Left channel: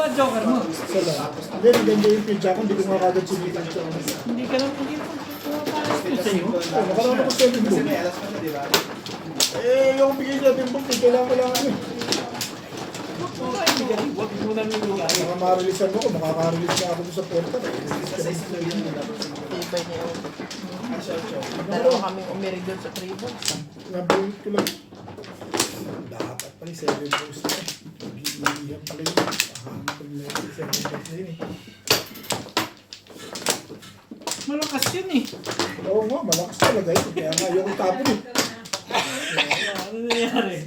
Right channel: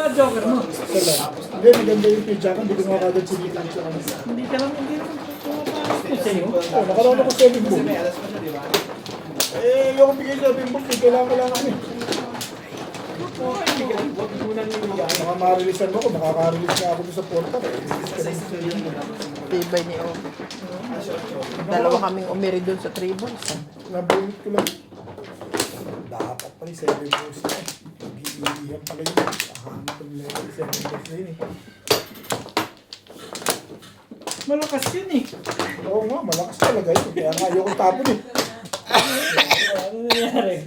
Ba, joker mo? Sala. Hindi, maganda yung pizza ko. Hindi ko nga kagad sinipan siya. Hindi ka lang hindi ko sa'yo. Oo, nakalala ko 7 book. Eh, yung bigay 7 book, kailangan ko lang eh. Huwag mo nang ibigay. Baka ma-releasean mo ko, makaka-release nga ako doon sa portal. Tibay niya. Dalawa kaming umiri doon sa tribals. Nabulit ko lang. Dapat pala 7 books na eh. Pag-iiyan pala yun. Pahanap ko nila yung 7 books na yun eh. Malakas yun eh. Oo nga, malakas talaga yun. Kaya nga ayoko tapon eh. Ano nangyari?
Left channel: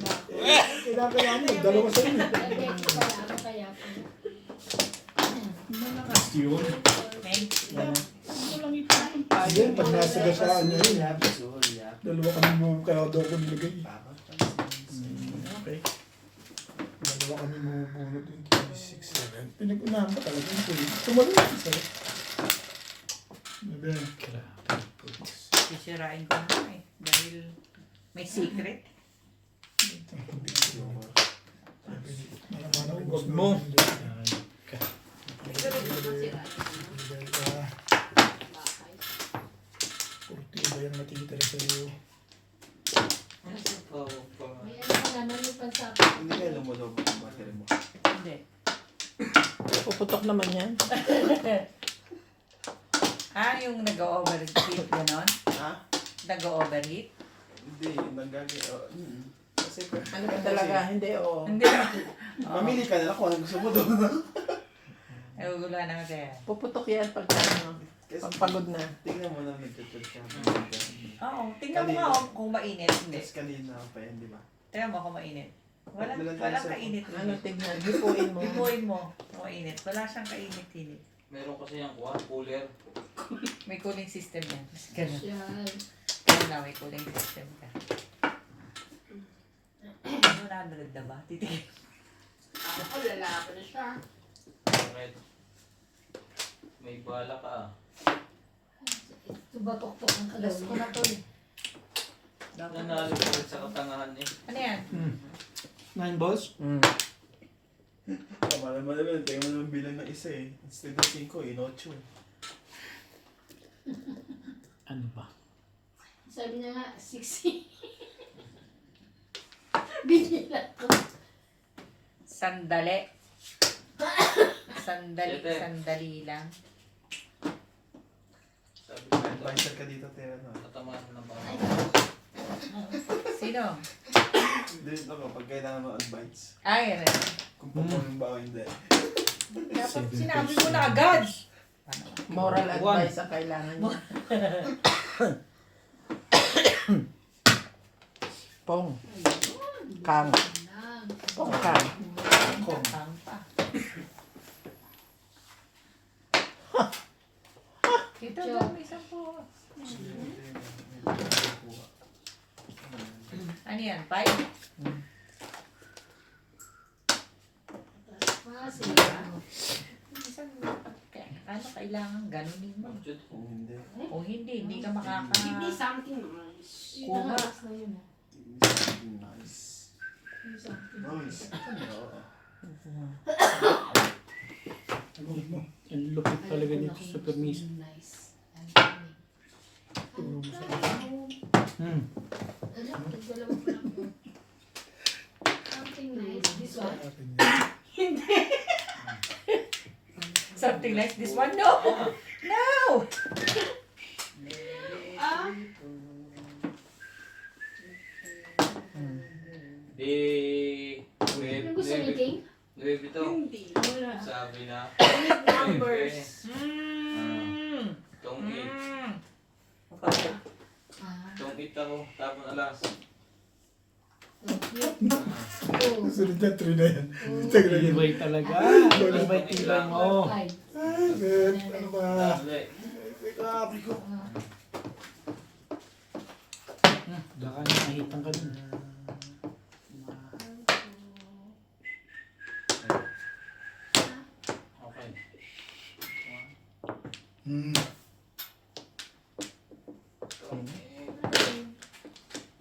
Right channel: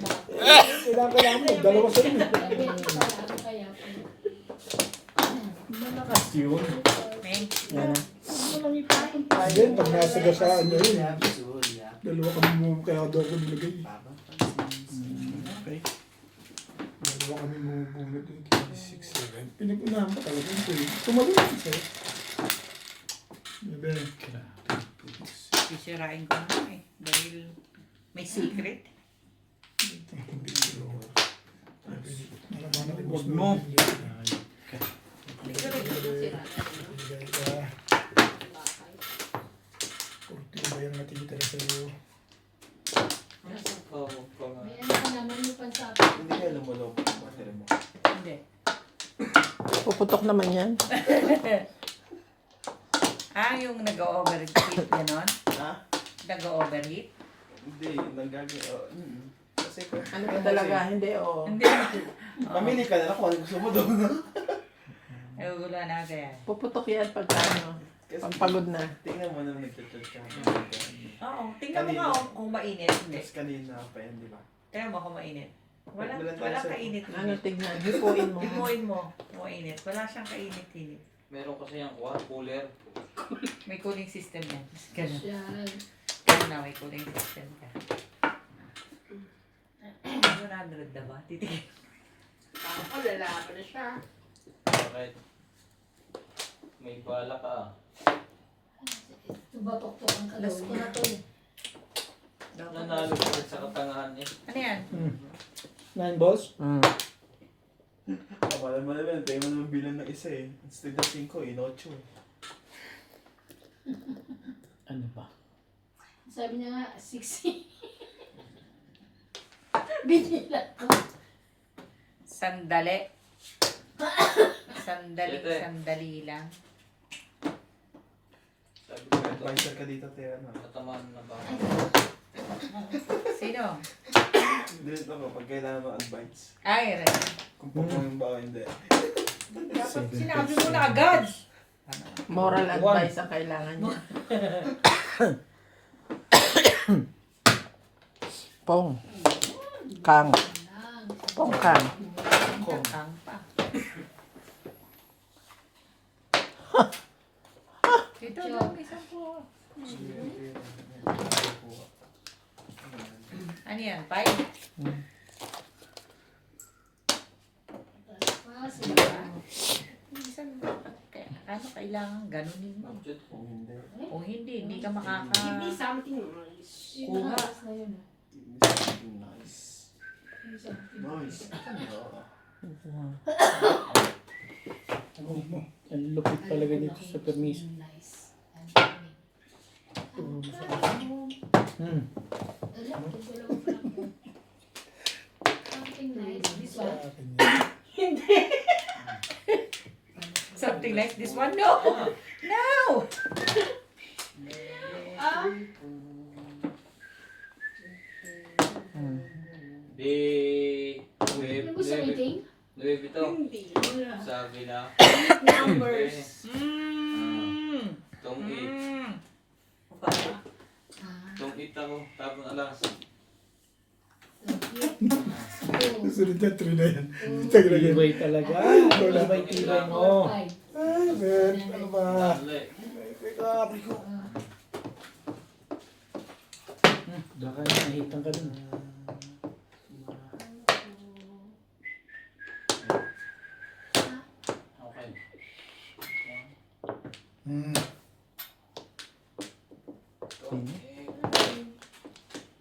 Kailangan mo, dalawa sa yun eh. Malakas yun. Yan. Ano lang itapon tayo? Yan, pag nasa gasaan nyo yun. Dalawa kami mo, kaya daw ko nilagay. Okay. Dalawa kami mabubunod yung 3, 6, 7. Pinag-unahan pa talaga yung 3. Tumalo yung isa. Sabi, Sisirain ko na eh. Dahil may secret. malaman ako Huwag mo. Bigay ka. 40 ba yung natitira sa'yo? May ano ka naman yung pansabi. Hindi kayo lumulog ang battery mo. Hindi. Puputok naman yan. Yung nag-overheat gano'n? Ha? Nag-overheat? Hindi, kasi Ano ka talaga? Hindi, oo. Hindi. mamili ka na lang kung ano gusto mo doon. Ay, wala na ako eh. Puputok yan pag ano, pag pagod na. Tingnan mo nang nagtutut ka. Oo, tingnan mo nga kung mainit. Hindi. Tapos kanina pa yan, di ba? Tingnan mo kung mainit. Walang kainit. Ano tignan? Hipuin mo. Hipuin mo kung mainit. Wala siyang kainit-init. Meron kasi yung cooler. May cooling system yan. Ganun. Yan. Ganun na, may cooling system ka. 100 na ba? Titigil. Ako, lalaki na siya. Bakit? May bala ka. Tubatok-tok ang kalas ko na to eh. Nanalo ko rin sa katangahan eh. Ano yan? 9 balls? Kamala mo naman, tayo mo naman bilang ng isa eh. Instead of 5, 8 eh. Ano ba? Sabi niya nga, 60. Binilat ko. Sandali. Siyete. Sandali lang. Sabi ko ito, Advisor ka dito, Tera, no? katamaan na ba? Sino? Dito ako, pag kailangan mo advice. Ay, Kung performing ba o hindi. dapat sinabi mo na agad. Moral advice ang kailangan niya. Pong. Kang. Pong kang. Kang pa. Dito ba? Isang po. Ano yan? 5? Ah, sige. Isang ano kailangan ganunin mo. Kung hindi, O hindi ka makaka... Hindi, something. Yun Kuha. na oras na yun. nice. Nice. Ang lupit talaga dito sa permis. Nice. Turo mo sa Something nice. This one. akin yan. Something like this one? No! No! Ah, Di... yung gusto meeting? Louis Vuitton. Hindi. Wala. Sabi na. Numbers. Tong 8. Ah, Tong 8 ako. Tapon alas. two. Sunod na 3 na yan. Tagal yan. Tibay talaga. Tibay mo. Five. Ay, Ben, ano ba? Dali. Wait up, ko. Baka nahihitan ka dun. Okay. Hmm. Tong 8.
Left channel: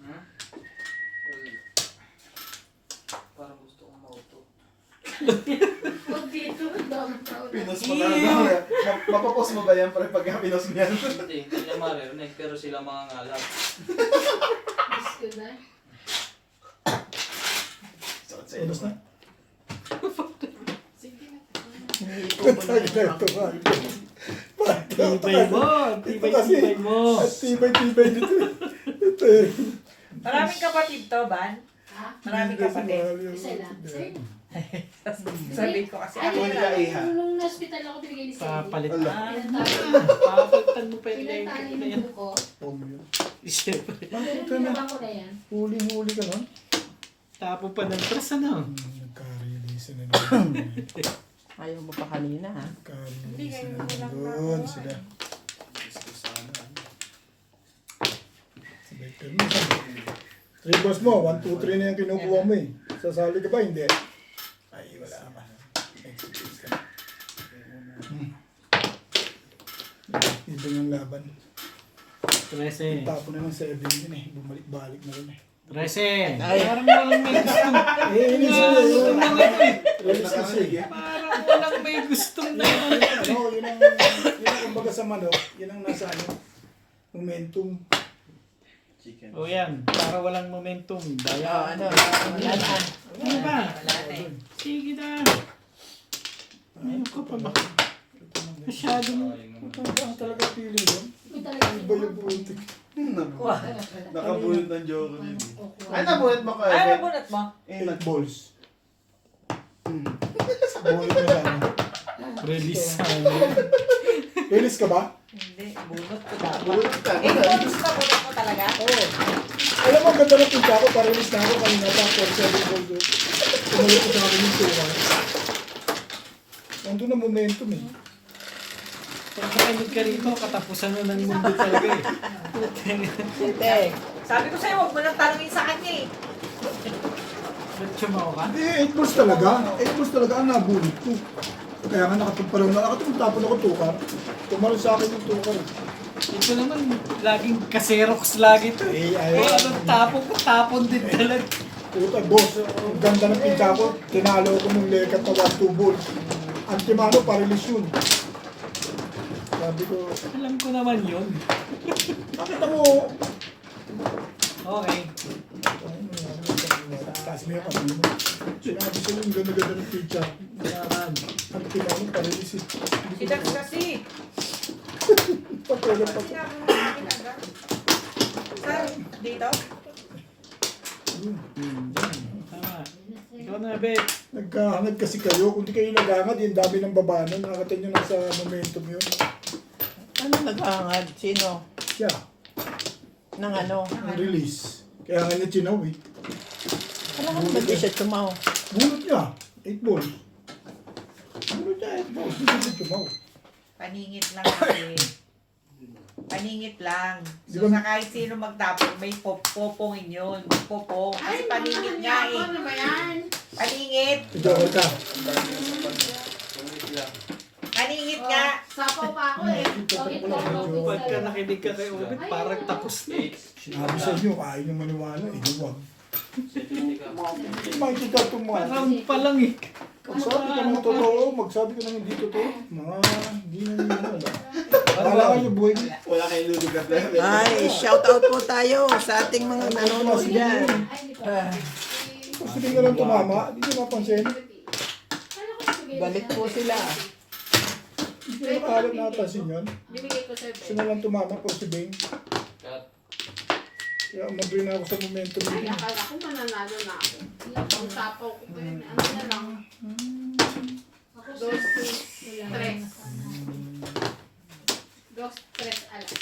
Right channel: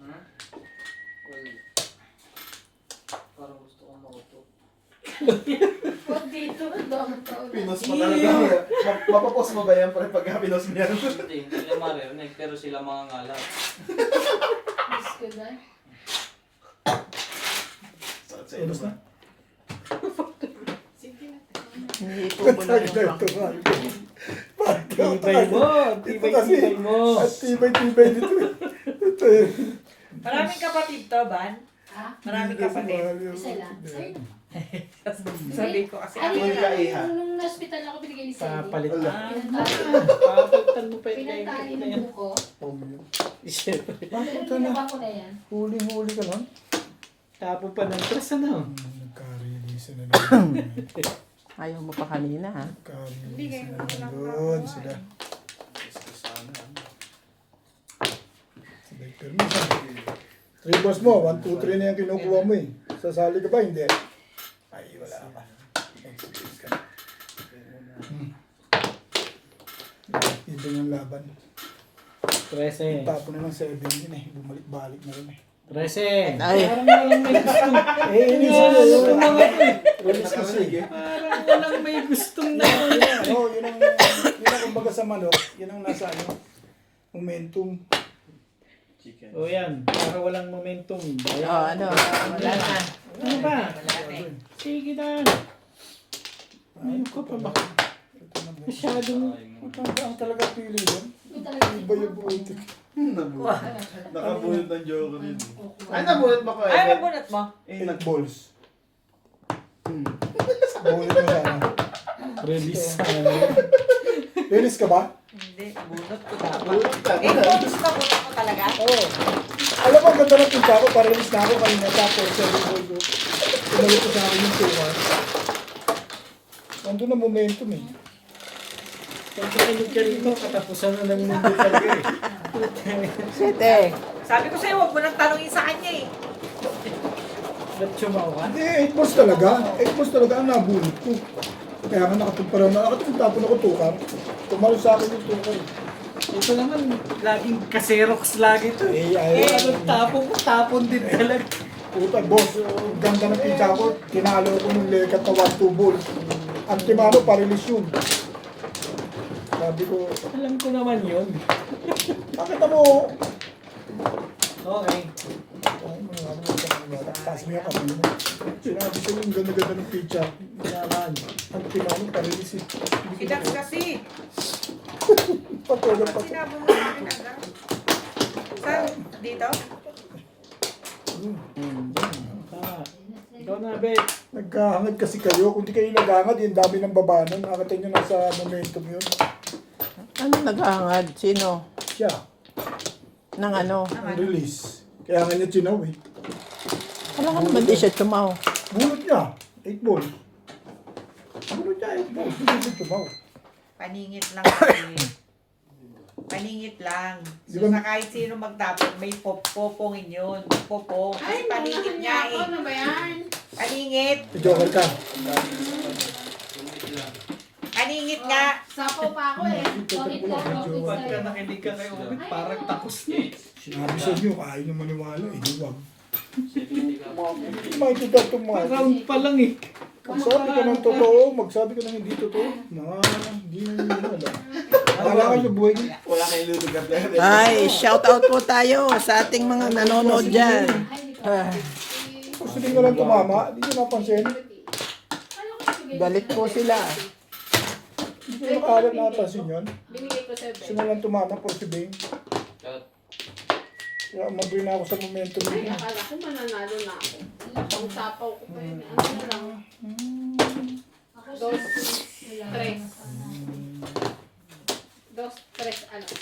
Well, parang gusto kong mautot. Oh, dito. Pinos pa talaga. Mapapos mo ba yan pare pagka pinos mo yan? Hindi niya maririnig, pero sila mga ngalat. Miss ko na. Sakit sa Pinos na? Sige na. Iniitubo na Ito yung nga. Tibay mo. Ito kasi. Tibay mo. At tibay dito eh. Ito eh. Maraming kapatid to, Ban? Ha? Maraming Kasi kapatid. mahal yung- Isa lang. Sir, Sabi ko kasi Ay, ako Ay, lang. ka, iha. nung hospital ako binigay ni Sandy. Papalit. Pinantali. Papalitan mo pa yung Pinantali ng buko. Oh, yun. Siyempre. Bakit ka Pero na? binaba ko na yan. Huli ka nun? Tapo pa ng tres, ano? Nagka-release na naman. Ayaw mo pa kanina, ha? Nagka-release na naman doon sila. Sabay permission. 3 balls mo, 1, 2, 3 na yung kinukuha mo eh. Sasali ka ba? Hindi. Ay, wala pa. Next game ka. Ibang ang laban. 13. Tapo na ng 7 yun eh. Bumalik-balik na rin eh. 13. Ay. Parang walang may gustong. Inis na yun. Release kasi. Parang walang may gustong na. Ano, yun ang kumbaga sa manok, yun ang nasa ano, momentum. Chicken. O yan. Para walang momentum. Oh, Daya. ano? Wala na. Ano ba? Wala na eh. Sige na. Ayun ko pa ba? Masyadong. Ang talaga feeling yun. Ito talaga. Iba yung butik. Nakabunot ng joke yun. Kukuha. Ay, nabunot mo ka? Ay, mabunot mo. 8 balls. Bulit mo sana. Release. Release ka ba? Hindi, bunot ko dapat. Bunot ka. Eh, bonus na bunot mo talaga? Oo. Alam mo, ang ganda ng pinta ko, pa-release na ako kanina. Tapos, 7 balls ko. Tumalit ko sa akin yung tuwa. Nandun ang momentum eh. Kung kakinig ka rito, katapusan na ng mundo talaga eh. Sete. Sabi ko sa'yo, huwag mo nang tanongin sa kanya eh. Lapcho mo ka? Hindi, 8 balls talaga. 8 balls talaga ang nabunot ko. Kaya nga nakatagparaw na. Nakatagpapon ako tukar. Tumalon sa akin yung tukar. Ito naman, laging kaserox lagi ito eh. Ayun. Tapon din talaga. Puta, boss. Ang ganda ng pinta ko. Tinalo ko nung lekat na 1-2 balls. Antimano, pa-release yun. Sabi ko, Alam ko naman yun. nakita mo. Okay. Ay, maniwala mo sa maniwala. Taas mo yung kapilo mo. Sinabi sa'yo yung ganda-ganda ng pizza. Antimano, pa-release eh. Si Dax kasi. Patulang pa. Sinabi mo sa akin agad. Saan? Dito? Tama. Ikaw na, Bet. Nagkahangad kasi kayo. Kung di kayo naghangad, yung dami ng babanan. Nakakita nyo na sa momentum yun. Ano naghahangad? Sino? Siya, Nang ano? ang release. Kaya nga niya chinaw eh. Alam mo, hindi siya tumaw. Bulot niya, 8 balls. Bulot niya, 8 balls. Hindi siya chumaw. Paningit lang kasi. Paningit lang. Di So, ba- sa kahit sino magtapon, may popongin yun. Popong. Kasi paningit nga eh. Ano ba yan? Paningit. Joker ka. Paningit nga. Sapaw pa ako eh. Ito lang, medyo. Pagka nakinig ka kay Obit, parang tapos na. Sinabi sa inyo, kaya nyo maniwala eh. Huwag. Makikita itong mga. Round pa lang eh. Magsabi ka ng totoo, magsabi ka ng hindi totoo. Mga hindi na maniwala. Wala kayo sa buhay niyo. Wala kayong lulugat na. Ay, shout out po tayo sa ating mga nanonood dyan. Ay, hindi pa. Kung sabihin ka lang tumama, hindi nyo napansin. Galit po sila. Hindi nyo nakahalap napansin yun. Binigay ko sa Gusto na lang tumama po si Bing. Kaya mabri na ako sa momentum Ay, niya. akala ko mananalo na ako. Ang sapaw ko pa yun. Ano na lang? Dos, tres. Dos, tres alas.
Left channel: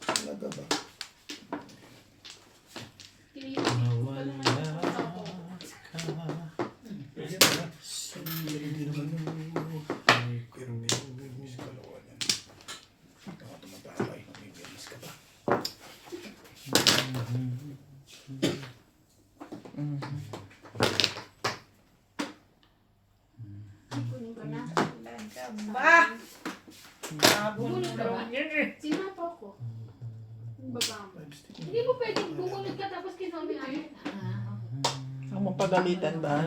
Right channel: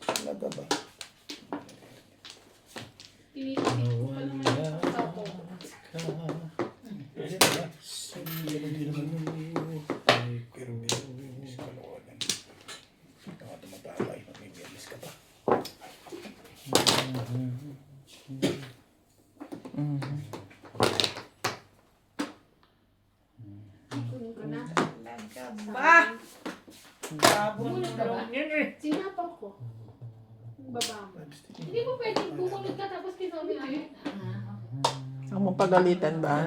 Talaga ba? Tinitigil ko pa naman yung sapaw ko. Pwede na ba? Pero hindi naman yun. Pero may bilis ka nakuha yan. Baka tumatapay, may bilis ka pa. Kunin ko na. Ba? Sabon Bulot ka ba? yun eh. Sinapaw Pagalitan ba?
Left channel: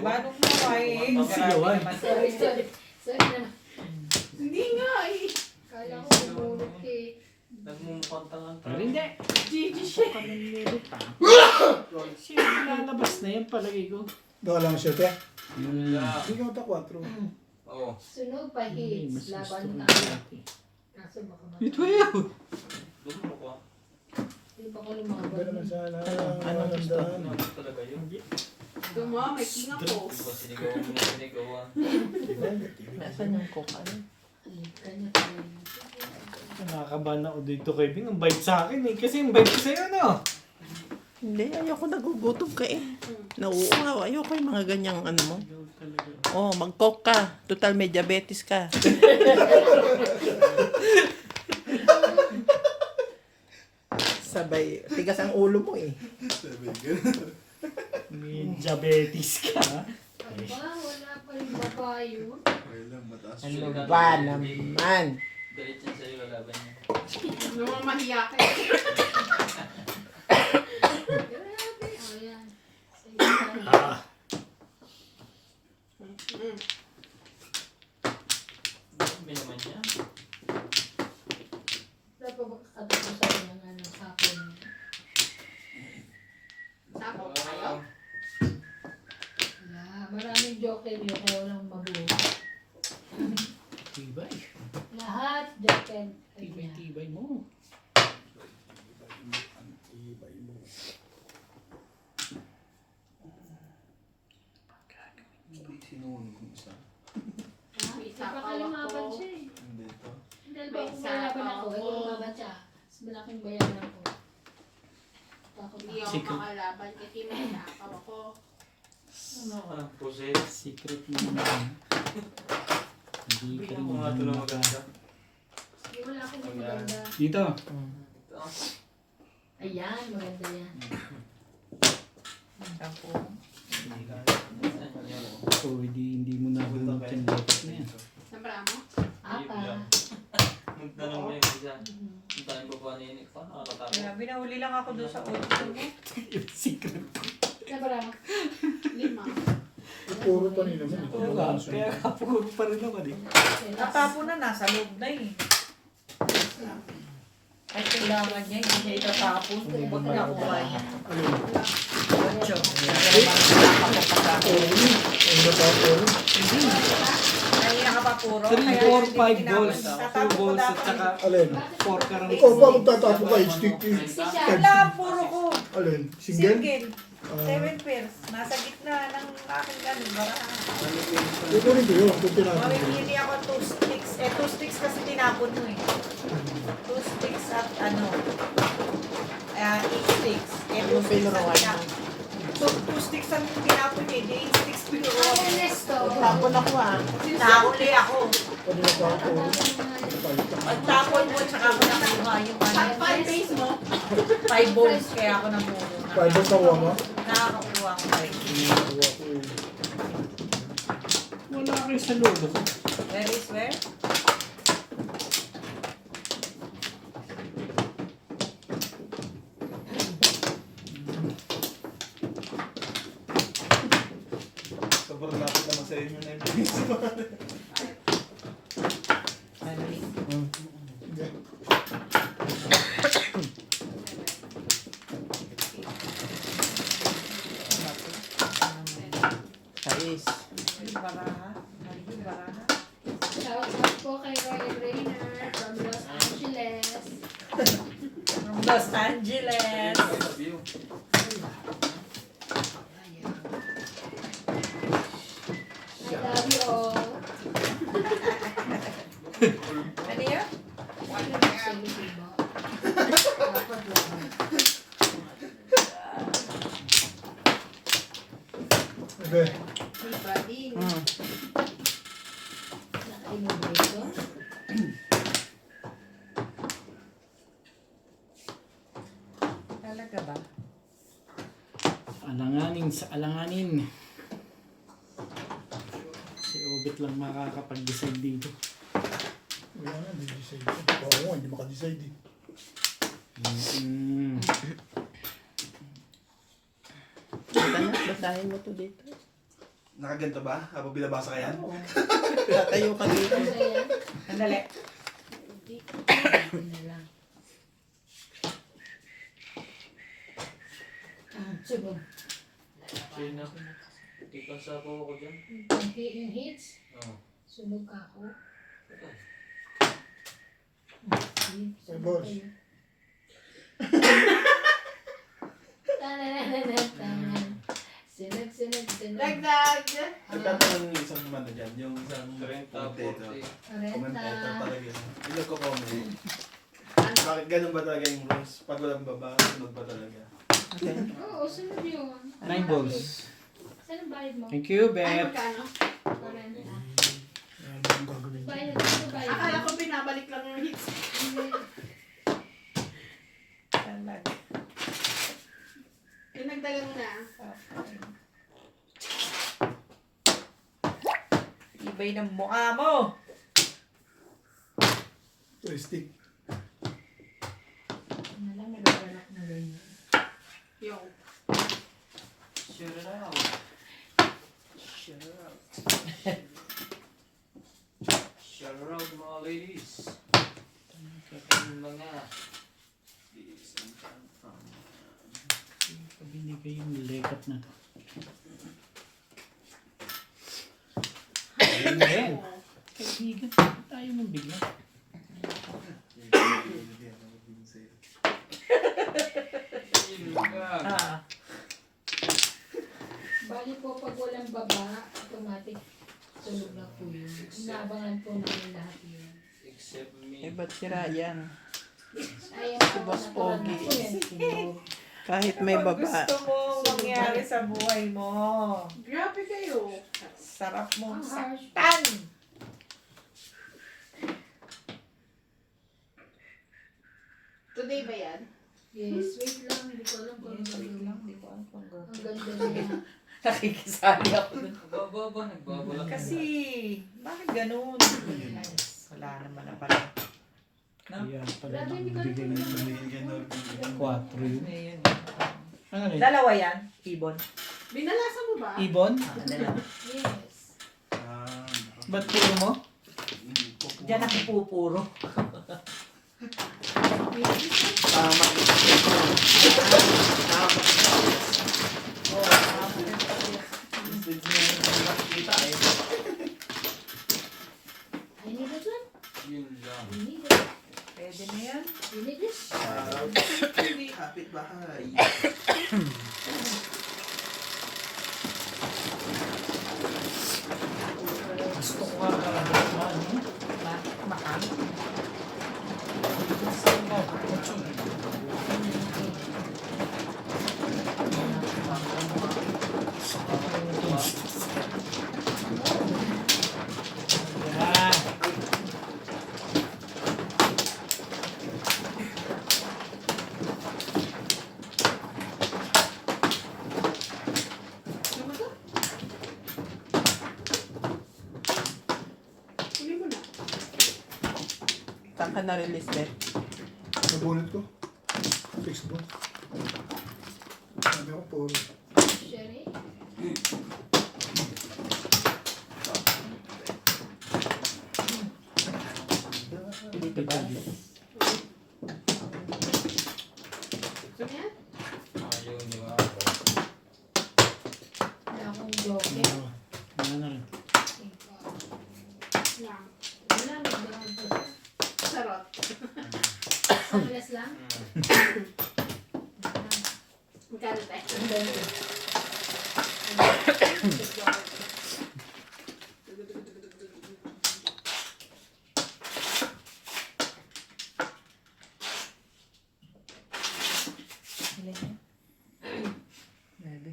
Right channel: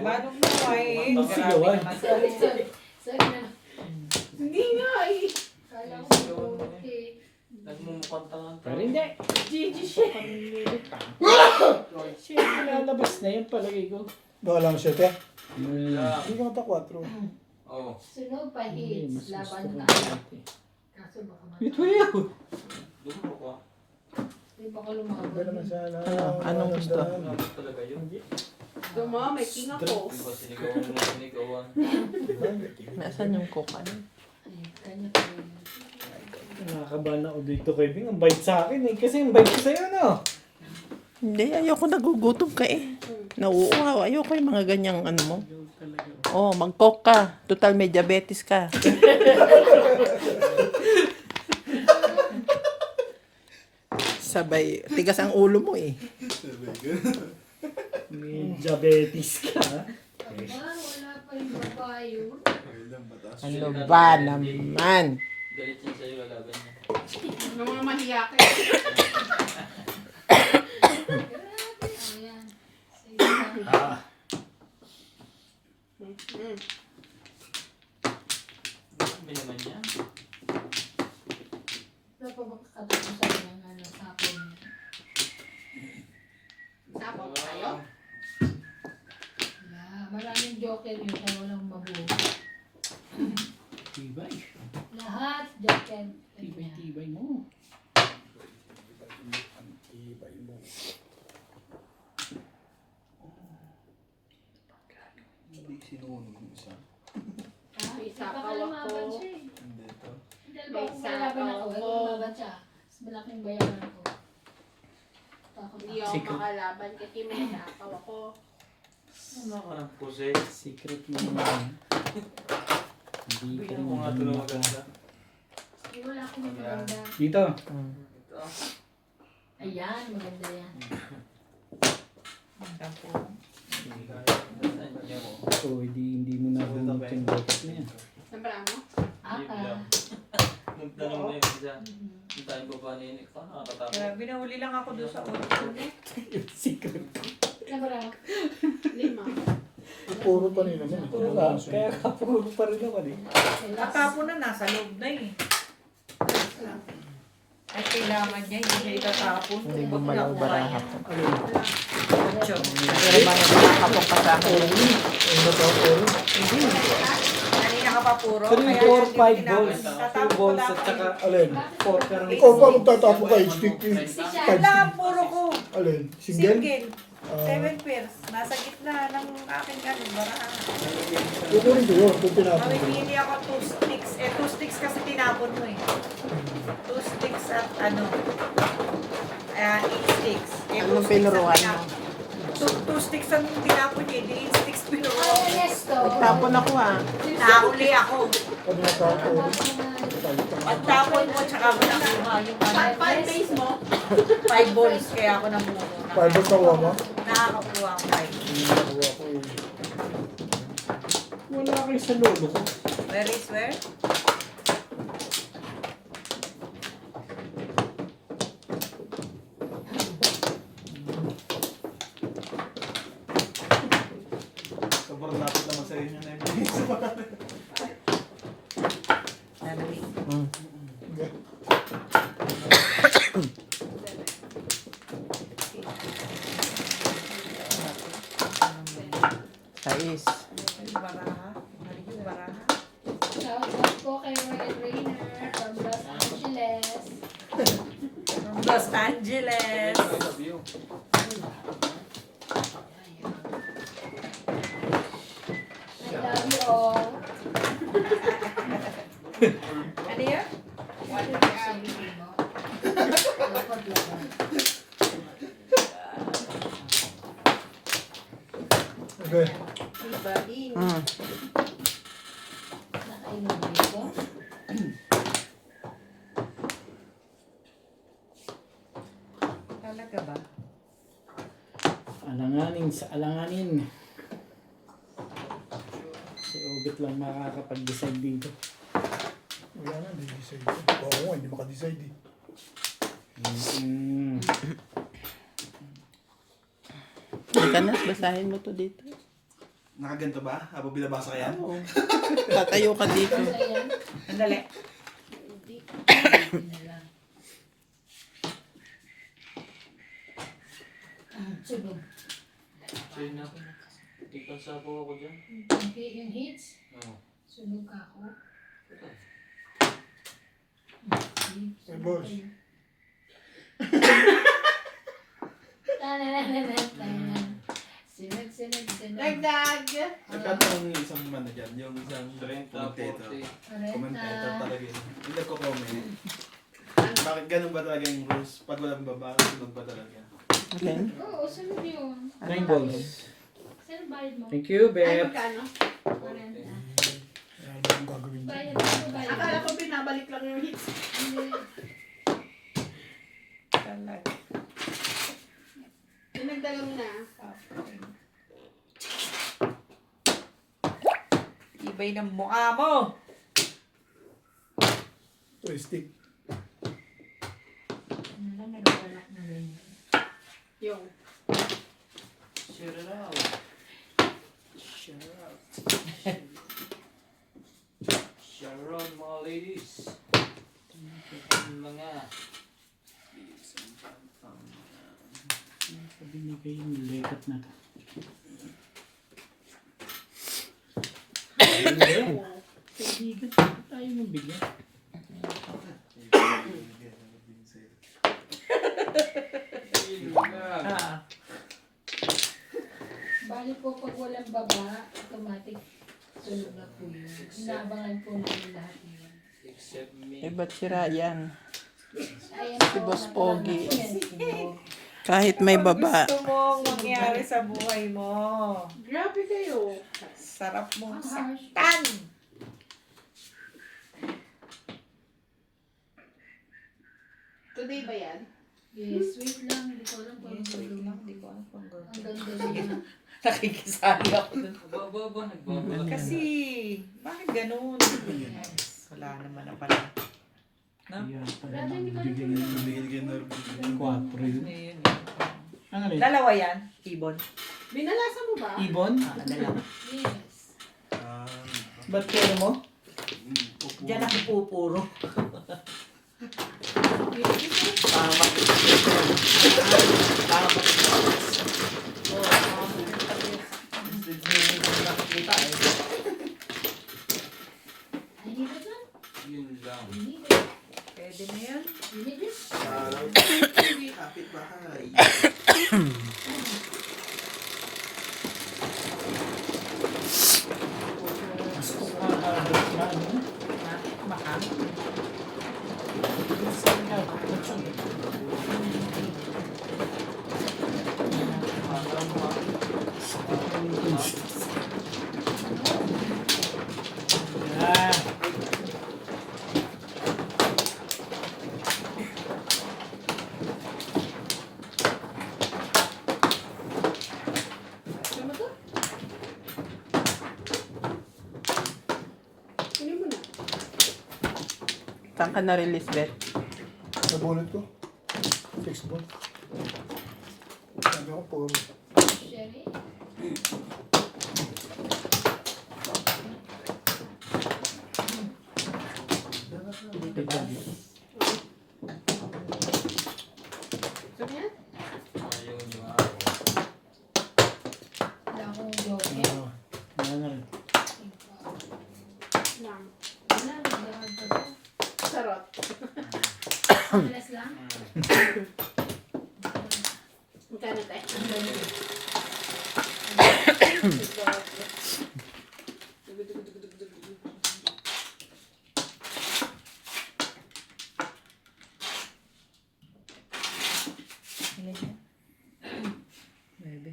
Manong mo ay. Anong sigawan? Sorry. Sorry na. Hindi nga eh. Kala ko nagulog eh. Nagmumukhang tangan ka. Pero hindi. Gigi siya. Siya, lalabas na yan palagay ko. Baka lang siya, te. Yeah. Hindi ka mata 4. Oo. Sunog pa hits. Laban na. Kaso baka Ito yun. Dumo ko. Hindi pa ko lumaban. Iba naman sana. Anong gusto? Ano talaga yun? Duma, may king ako. Diba sinigawan mo sinigawan? Nasaan yung coke? Ano? Ay, kanya pa rin. Nakakabahan ako dito kay Bing. Ang bait sa akin eh. Kasi ang bait ko sa'yo, no? Hindi, ayoko nagugutom ka eh. Nauuaw, ayoko yung mga ganyang ano mo. Oh, mag-coke ka. Total may diabetes ka. Sabay, tigas ang ulo mo eh. May diabetes ka. Aba, wala pa yung babae yun. Okay lang, mataas. Ano ba naman? Galit yan sa'yo, lalaban niya. Naman mahiya ka eh. Grabe. Oh, yan. Sige na. Grabe naman niya. Wala pa ba kakatapusan ng ano, sapon? Sapon kayo? Wala. Maraming joker yun. Kaya walang mabuo. Tibay. Lahat joker. Tibay mo. Hindi sinunog yung isa. May sapaw ako. Hindi ito. Dahil ba kung kailaban ako, ito lumaban siya. Mas malaking bayaran ko. Takot Hindi ako Secret. makalaban kasi may sapaw ako. Ano ka ng possess? Secret mo naman. Hindi ka Bigyan rin mo nga ito na maganda. Yung malaki na maganda. Dito. Ito. Ayan, maganda yan. Sampo. Saan niya mo? So, hindi mo na bunot yung box na yan. Nabara mo? Apa. Magtanong mo yung isa. Hintayin ko pa niya. Paano nakakatakot? Grabe, nahuli lang ako doon sa audition mo. Yung secret. Nabara. 5. Puro pa rin naman. Oo nga. Kaya kapuro pa rin naman eh. Natapo na, nasa loob na eh. At kailangan niya, hindi niya itatapon kung pag nakuha niya. Joke. Kanina ka pa puro. 3, 4, 5 kaya balls. tatapon 2 ko balls lang at saka Alin? 4 ka rin. Ikaw pa magtatapo ka HTT. Wala, puro ko. Alin? Single? Single. 7 pairs. Nasa gitna ng akin ganun. Barahan. Kukunin ko yun. Kung tinapon ko. Hindi ako 2 sticks. 2 sticks kasi tinapon mo eh. 2 sticks at ano. 8 sticks. 2 sticks ang tinapon. 2 sticks ang tinapon eh. Di 8 sticks Ay, pinuha. Ernesto. Tapon ako ah. Nahuli ako. Kanina pa ako. Ang tapon mo, tsaka ako nakuha yung ano. 5 days mo? 5 balls kaya ako namuno. 5 balls nakuha mo? Nakakakuha ko 5. Nakuha ko eh. Wala kayo sa lolo ko. Where is where? Sobrang lapit naman sa inyo na yung Kais. Baraha. Baraha. Shout out po kay Royal Rainer from Los Angeles. From Los Angeles. I love you. I love you all. Ano yan? Okay. Everybody. Nakainom dito. Talaga ba? Alanganin sa alanganin. Si Obit lang makakapag-decide dito. Wala na, hindi decide. Oo nga, hindi makadecide eh. Halika na, basahin mo to dito. Nakaganto ba? Habang binabasa ka yan? Tatayo ka dito. Ayan. Andali. Sunog. Sino? Tikang sapo ako dyan. Yung hits. Oo. Sunog ka ako. Hey, boss. Sunod, sunod, sunod. Dagdag. Nagtatanong yung isang ano dyan, yung isang 30, commentator. 40. Commentator Renta. talaga yun. Yung nagko-comment. Bakit ganun ba talaga yung rules? Pag walang baba, sunod ba talaga? Okay. Oo, sunod yun. Rainbows. Saan ang bayad mo? Thank you, Ay, Beth. magkano? 40. Ano ba yung gagawin mo? Bayad, ano bayad? Akala ko binabalik lang yung hits. Hindi. Talaga. Dinagdagan mo na. Ibay ng mukha mo. Joystick. Ano lang, nag-alak na ganyan. Yung. Share it out. Sure. Share it out, mga ladies. Mga Binigay yung lekat na to. Ayun na yan. Kaibigan, tayo nang bigyan. Ah. Bali po, pag walang baba, automatic sunog na po yun. Inaabangan po namin lahat yun. except me. Eh, ba't sira yan? Ayan Si Boss Pogi. Sunog. Kahit may Ano baba. gusto mong mangyari sa buhay mo? Grabe kayo. Sarap mong Ang harsh. saktan. Today ba yan? Yes, wait lang. Hindi ko alam kung Yes, wait ano. lang. Di ko alam kung Ang gagawin. ganda na. Nakikisali ako dun. Baba, nagbabalak. Kasi, bakit ganun? Yes. Wala naman na pala. Kaya pala Grabe, hindi ko bigay alam. ng Binigyan na 4 yun. Ngayon. Ano rin? Dalawa yan, ibon. Binalasa mo ba? Ibon? Dalawa. Yes. Ba't kayo mo? Diyan ako pupuro. I need it lang. Yun lang. You need it. Pwede na yan. You need this. Kapit bahay. Mahal. Ano to? Pili mo na. Saan ka na-release, Beth? Sa bonnet ko. 6 bone. Sabi ko 4. Sherry. Gusto niya? Ayun yung Wala akong bloke. Ano na rin? Lang. Wala, nagdarag ko. Sarot. Plus lang. Magkano tayo? Ang ganda. Pwede.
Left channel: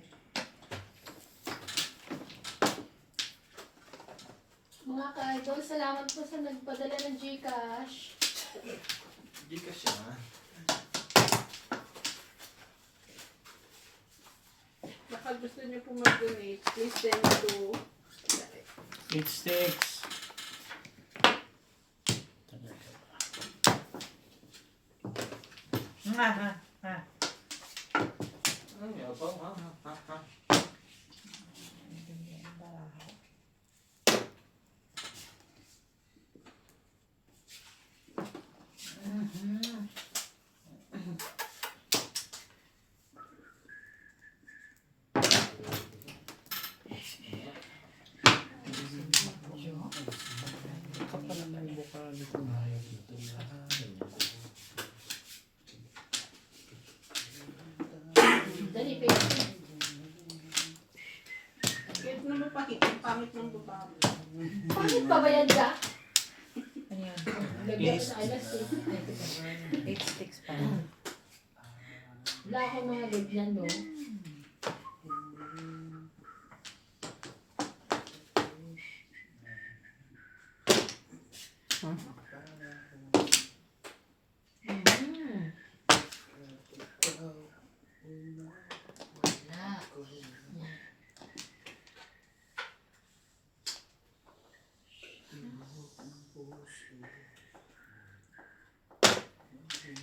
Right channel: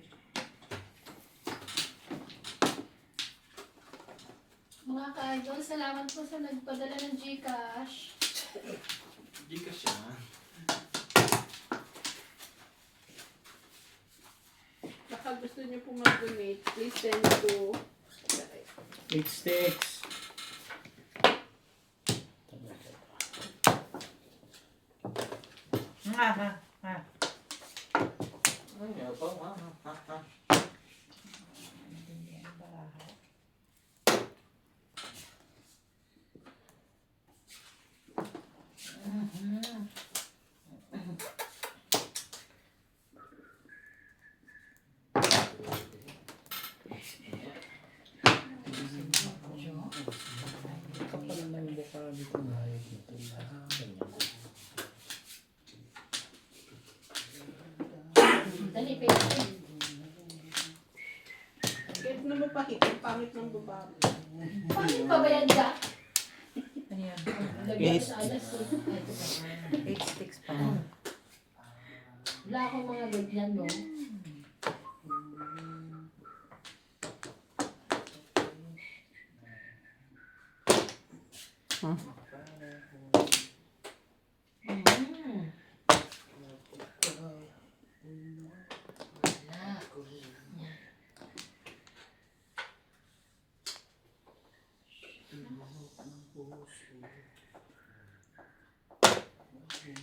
Mga ka-idol, salamat po sa nagpadala ng Gcash. Hindi ka siya. Baka gusto niyo po mag-donate, please send to 8 sticks. Ha, ha, ha. Ano nga pa? Ha? lalaki. Ang pangit ng babae. Bakit pa ba yan, Jack? Ano yan? Lagyan sa alas. Ay, ito. 8 sticks pa. Wala akong mga ganyan, no? Mm. Wala. Yan.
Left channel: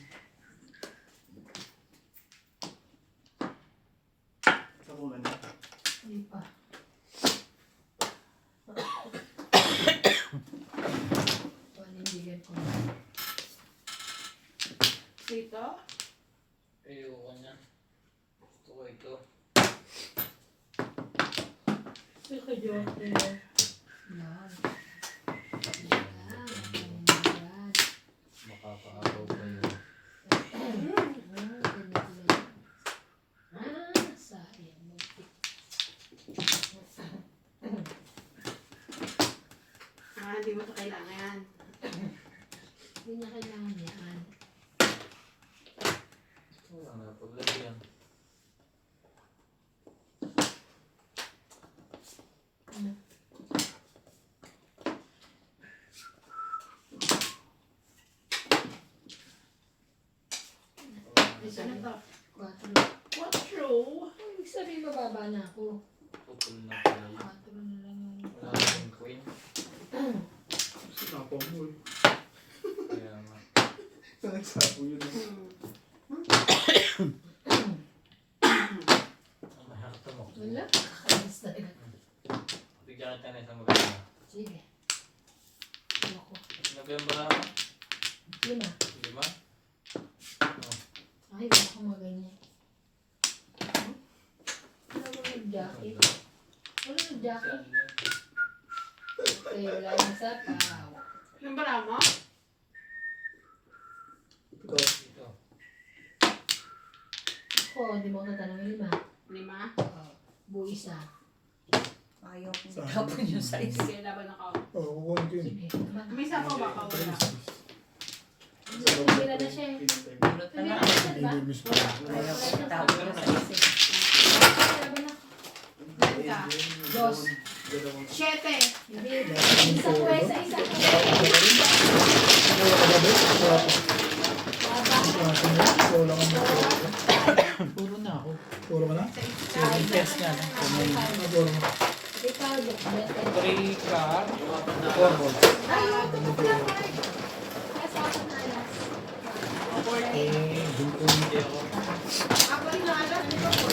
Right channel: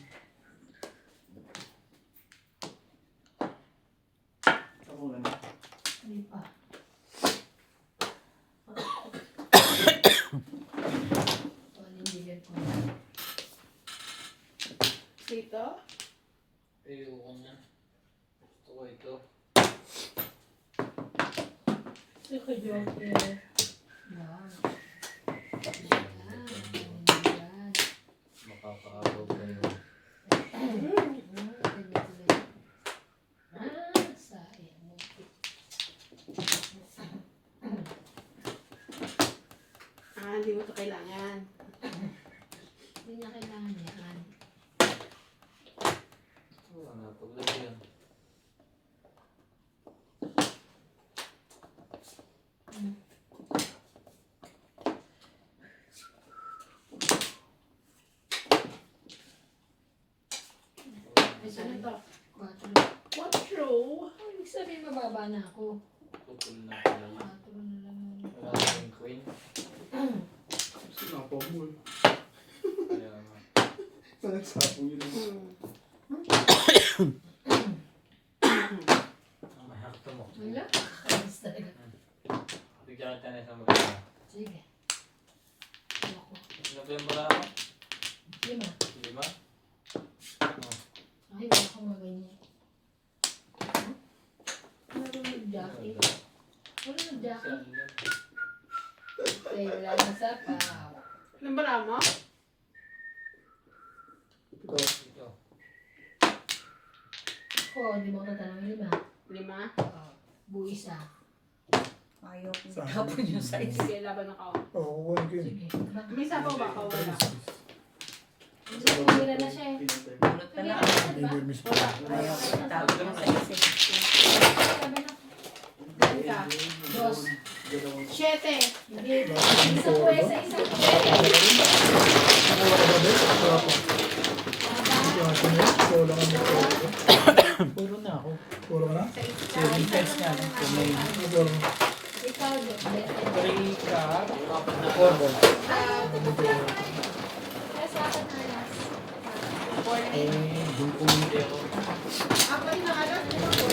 Ako nga na. Hindi pa. Panindigan ko. Dito. Ayoko niya. Gusto ko ito. Gusto ko joker. Yan. Yan. Makakahabaw pa yun. Sayang. Hindi mo ito kailangan. Hindi niya kailangan yan. Wala nga paglagyan. Isa na ito. 4. 4. Ibig sabihin mababa na ako. Pupul na pala yun. 4 na lang yun. Wala akong queen. Sinapo mo. Kaya nga. Nagsapo yun. Ang mahakto mo. Wala. Ayos talaga. Bigyan kita na isang magkana. Sige. Ayoko. Sinabihan mo na ako? 5. 5? Ay, wala akong maganyan. Wala nang jacket. Wala nang jacket. Ay, wala na sa paw. Anong bara mo? Ito. Ito. Ako, di mo ko tatanungin 5. 5. Oo. Buwis ah. Ayaw kong Saan? tapon yung size. Sige, laban ng kaon. Oo, kukunin ko yun. Sige. May sabaw ba? Wala. Tira na siya eh. Bulot na lang. Hindi mo yung miss pa. Ayaw kong tapon yung size. Sabi na. Ilan ka? 2. 7. Hindi. Isang pwesa, isang pwesa. Wala ka ba, Bes? Wala pa. Wala ka na. Wala ka na. Puro na ako. Puro ka na? Saving test na. Kung may Puro ka na. Ikaw, 3 cup, 4 balls. Eh, doon ko hindi ako. Ako rin na alam. Ano ba?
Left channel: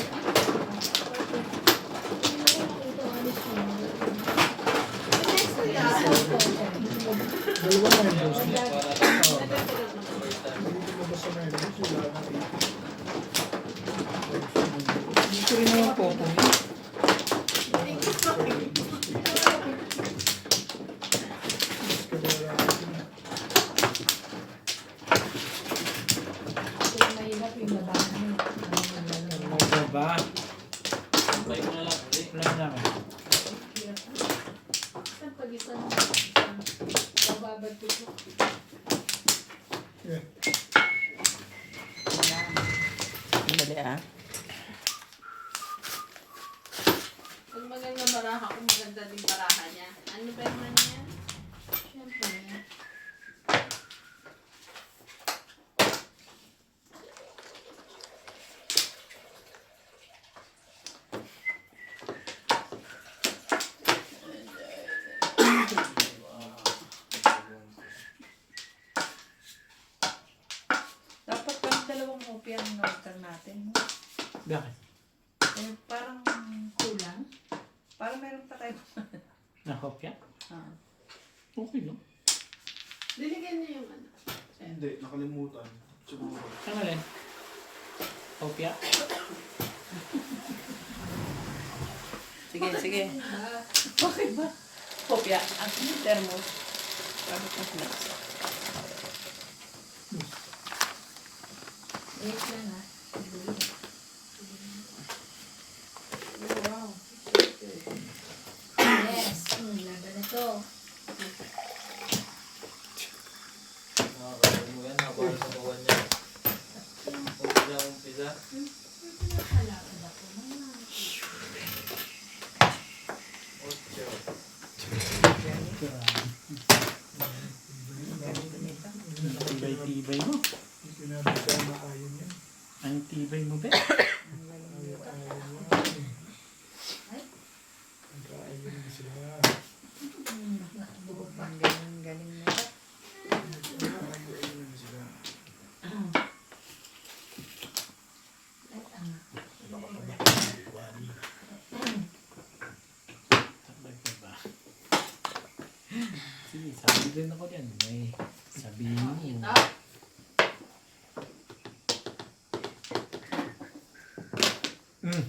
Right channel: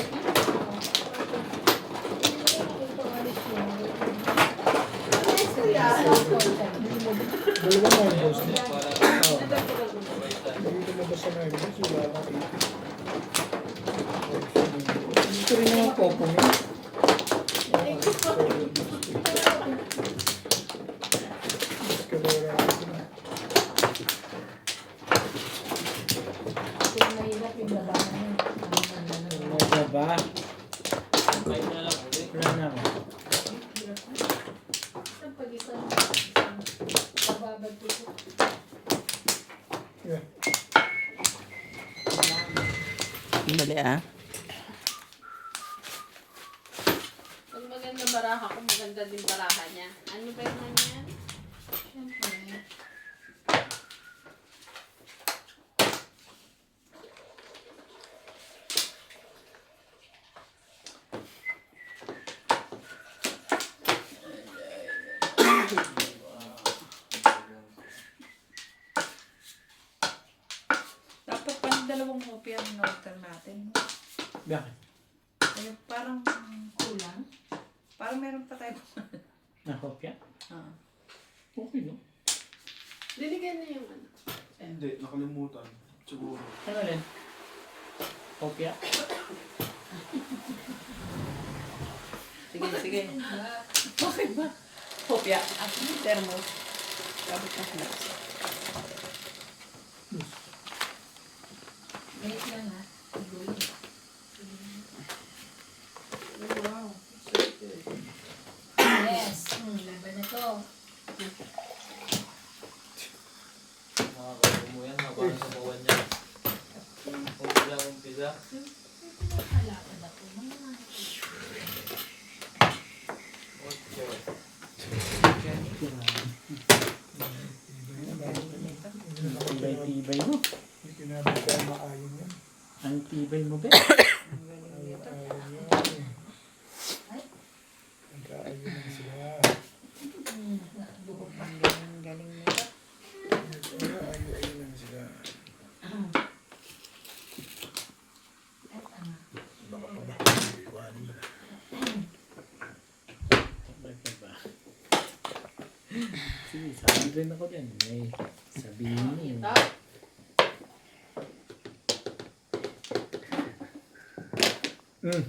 Dalawa na yun, boss. Para Hindi ko mabasa na yun, boss. Wala na. Gusto rin yung popo niya. Ano ba? may na lang ulit. Wala naman. Yeah. Dali ah. Pag maganda baraha ko, maganda din baraha niya. Ano ba naman yan? Dapat pang dalawang kopya ang order natin. Bakit? Eh, parang Kulang? parang meron pa tayo. Nakopya? Ah. Okay no? Dinigyan niya yung ano. Hindi, nakalimutan. Siguro. Ano yan? Kopya? Sige, sige. Okay ba? Kopya. At yung thermos. Sabot ng flags. Wait lang ha. Wow. Isa. Pinapalakad ako. Ocho. Tibay mo. Hindi pinapasa maayon yan. Ang tibay mo, be. Ayaw yan. Nag-aayon na sila. Ang galing mo ba? Ayaw na sila. Baka pa ba? Iwanan mo na. Sabay ka ba? Sige, sabi rin ako din. May sabihin mo. Ito. Hmm.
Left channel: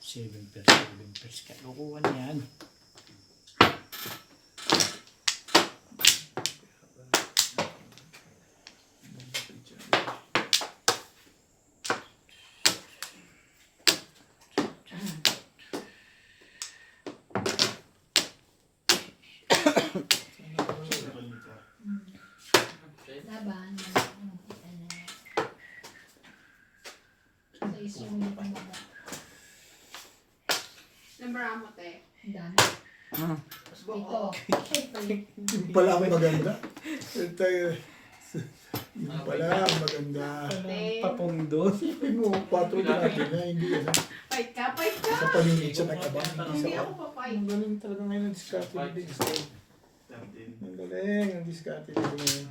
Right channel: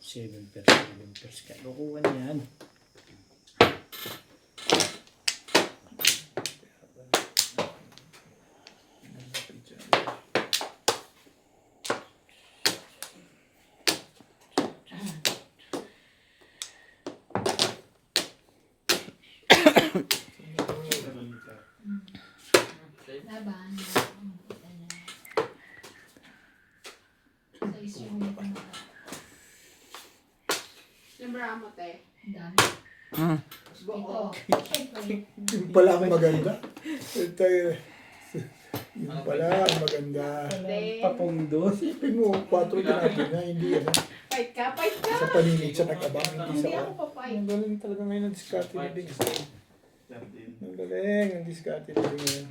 7 pairs ka. Kukuha niyan. Laban. Sa isang Yung bra mo, te. dami. Mm. Ito. Yung pala ang maganda. Ito yung pala ang maganda. Te. Papundo. Isipin mo, 4 din natin na hindi yan. Fight ka, fight ka. Sa paninit siya nag-abang, hindi Hindi sa ako pa-fight. Ang galing talaga ngayon ang diskarte ni Dings. 13. Ang galing ang diskarte ni Dings ngayon.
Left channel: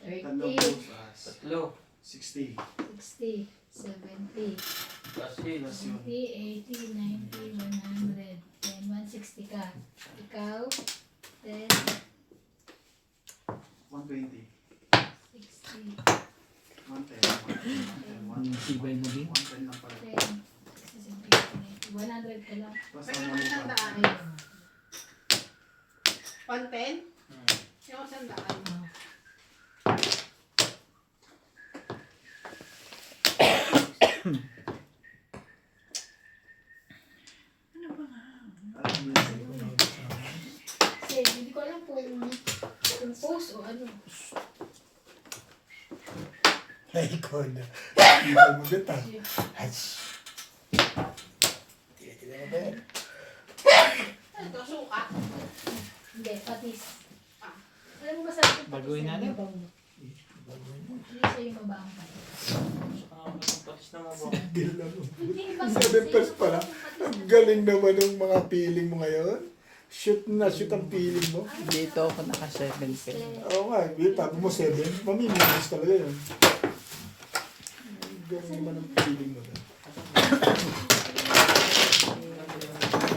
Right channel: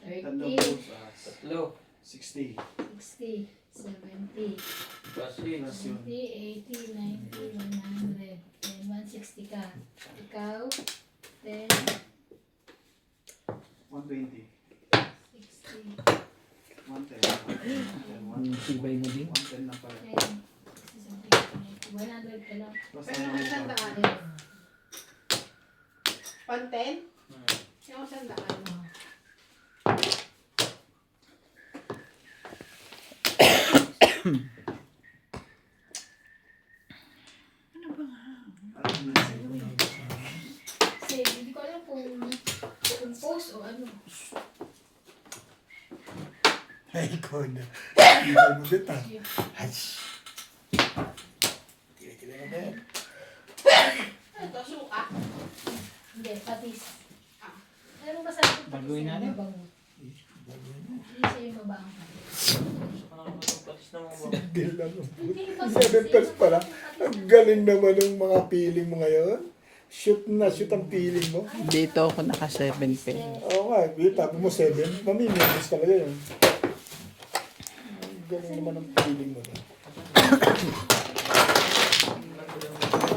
30. Tatlong pusas. Tatlo. 60. 60, 70, Kasi. 80, 80, 90, 100. Then 160 ka. Ikaw, 10, 120. 60, 110. Ang tibay mo din. 110 lang pala. 10, 60, 100 ka lang. Basta Pero ano yung sandaan. Ayun. 110? Yung sandaan mo. Alam niyo yun. Kasi hindi ko alam kung post o ano. Ay, ikaw na. Ibal mo bit ah. Ay, kila mo bet. Ano to, suka? Hindi, patis. Alam mo ba sabi ko patis? Baguhin na natin. mabango. Bagoy mo. Hindi siya yung mabango patis. Patis na mo ba? Single lang. Hindi ba 7 pairs pala. Ang galing naman ng mga feeling mo ngayon. Shoot na shoot ang feeling mo. Dito ako naka 7 pin. Oo nga, tapo mo 7. Mamimilis talaga yun. Ang galing naman ang feeling mo doon.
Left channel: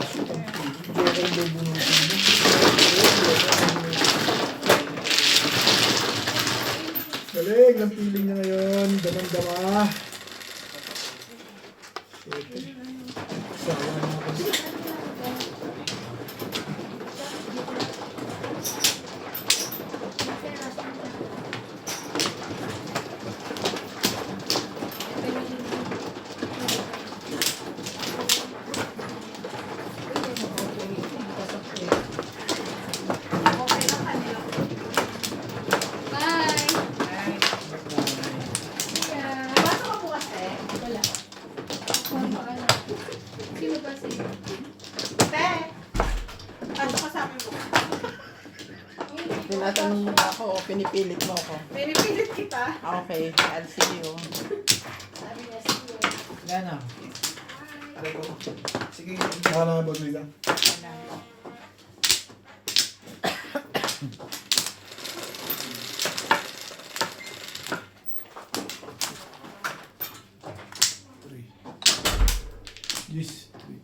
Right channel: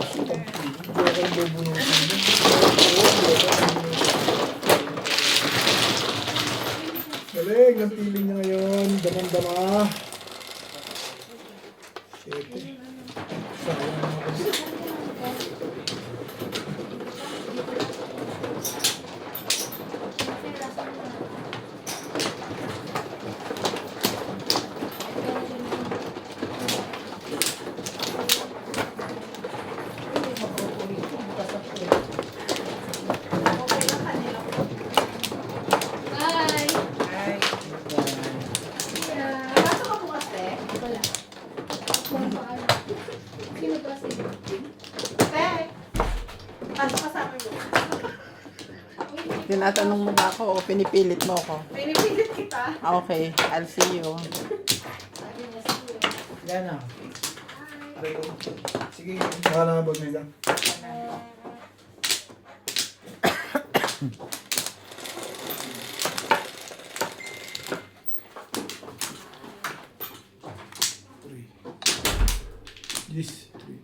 Shoot ang feeling. Hindi ako ang bubunutin mo. Galing ang feeling niya ngayon. Damang-dama. Siyete. Sawa na mga kapit. Bye! Ay, Yeah. Pasok ka bukas, te. Wala. Kung paano. Sino ba si? Te. Ano ka sabi mo? Tinatanong mo na ako o pinipilit mo ako. Pinipilit kita. Okay, I'll see you. Sabi niya si Yan ah. Aray ko. Sige. Baka na ba Luisa? Three. Yes. Three.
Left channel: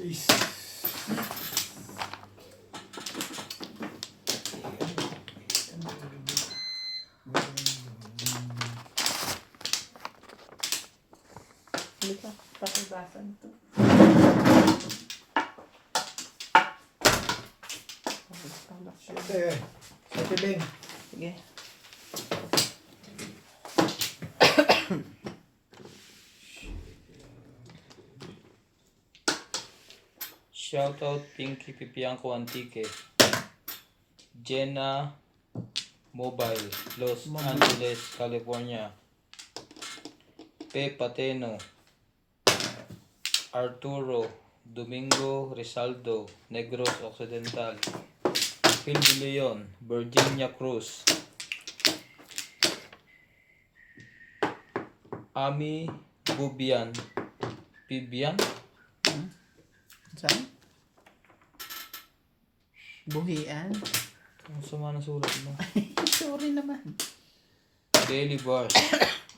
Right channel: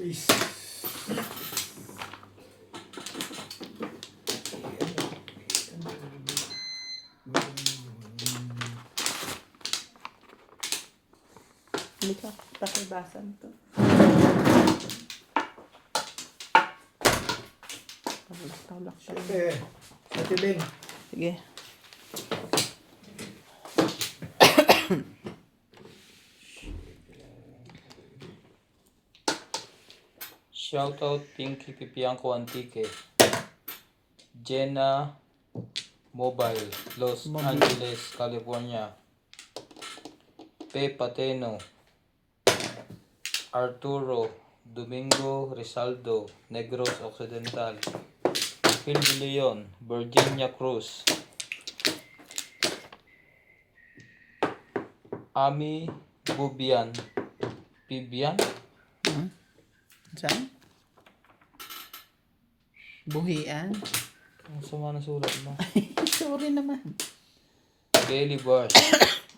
Ace. Hindi ka pakibasan to. Tawlak siya. Siyete. Siyete Beng. Sige. Shoutout Pinky Pipiangco Antique. Jenna Mobile, Los Angeles, California. P. Pateno. Arturo Domingo Rizaldo, Negros Occidental. Phil De Leon, Virginia Cruz. Ami Bubian. Bibian? Saan? Buhian? Ang sama na sulat mo. Sorry naman. Daily Bush.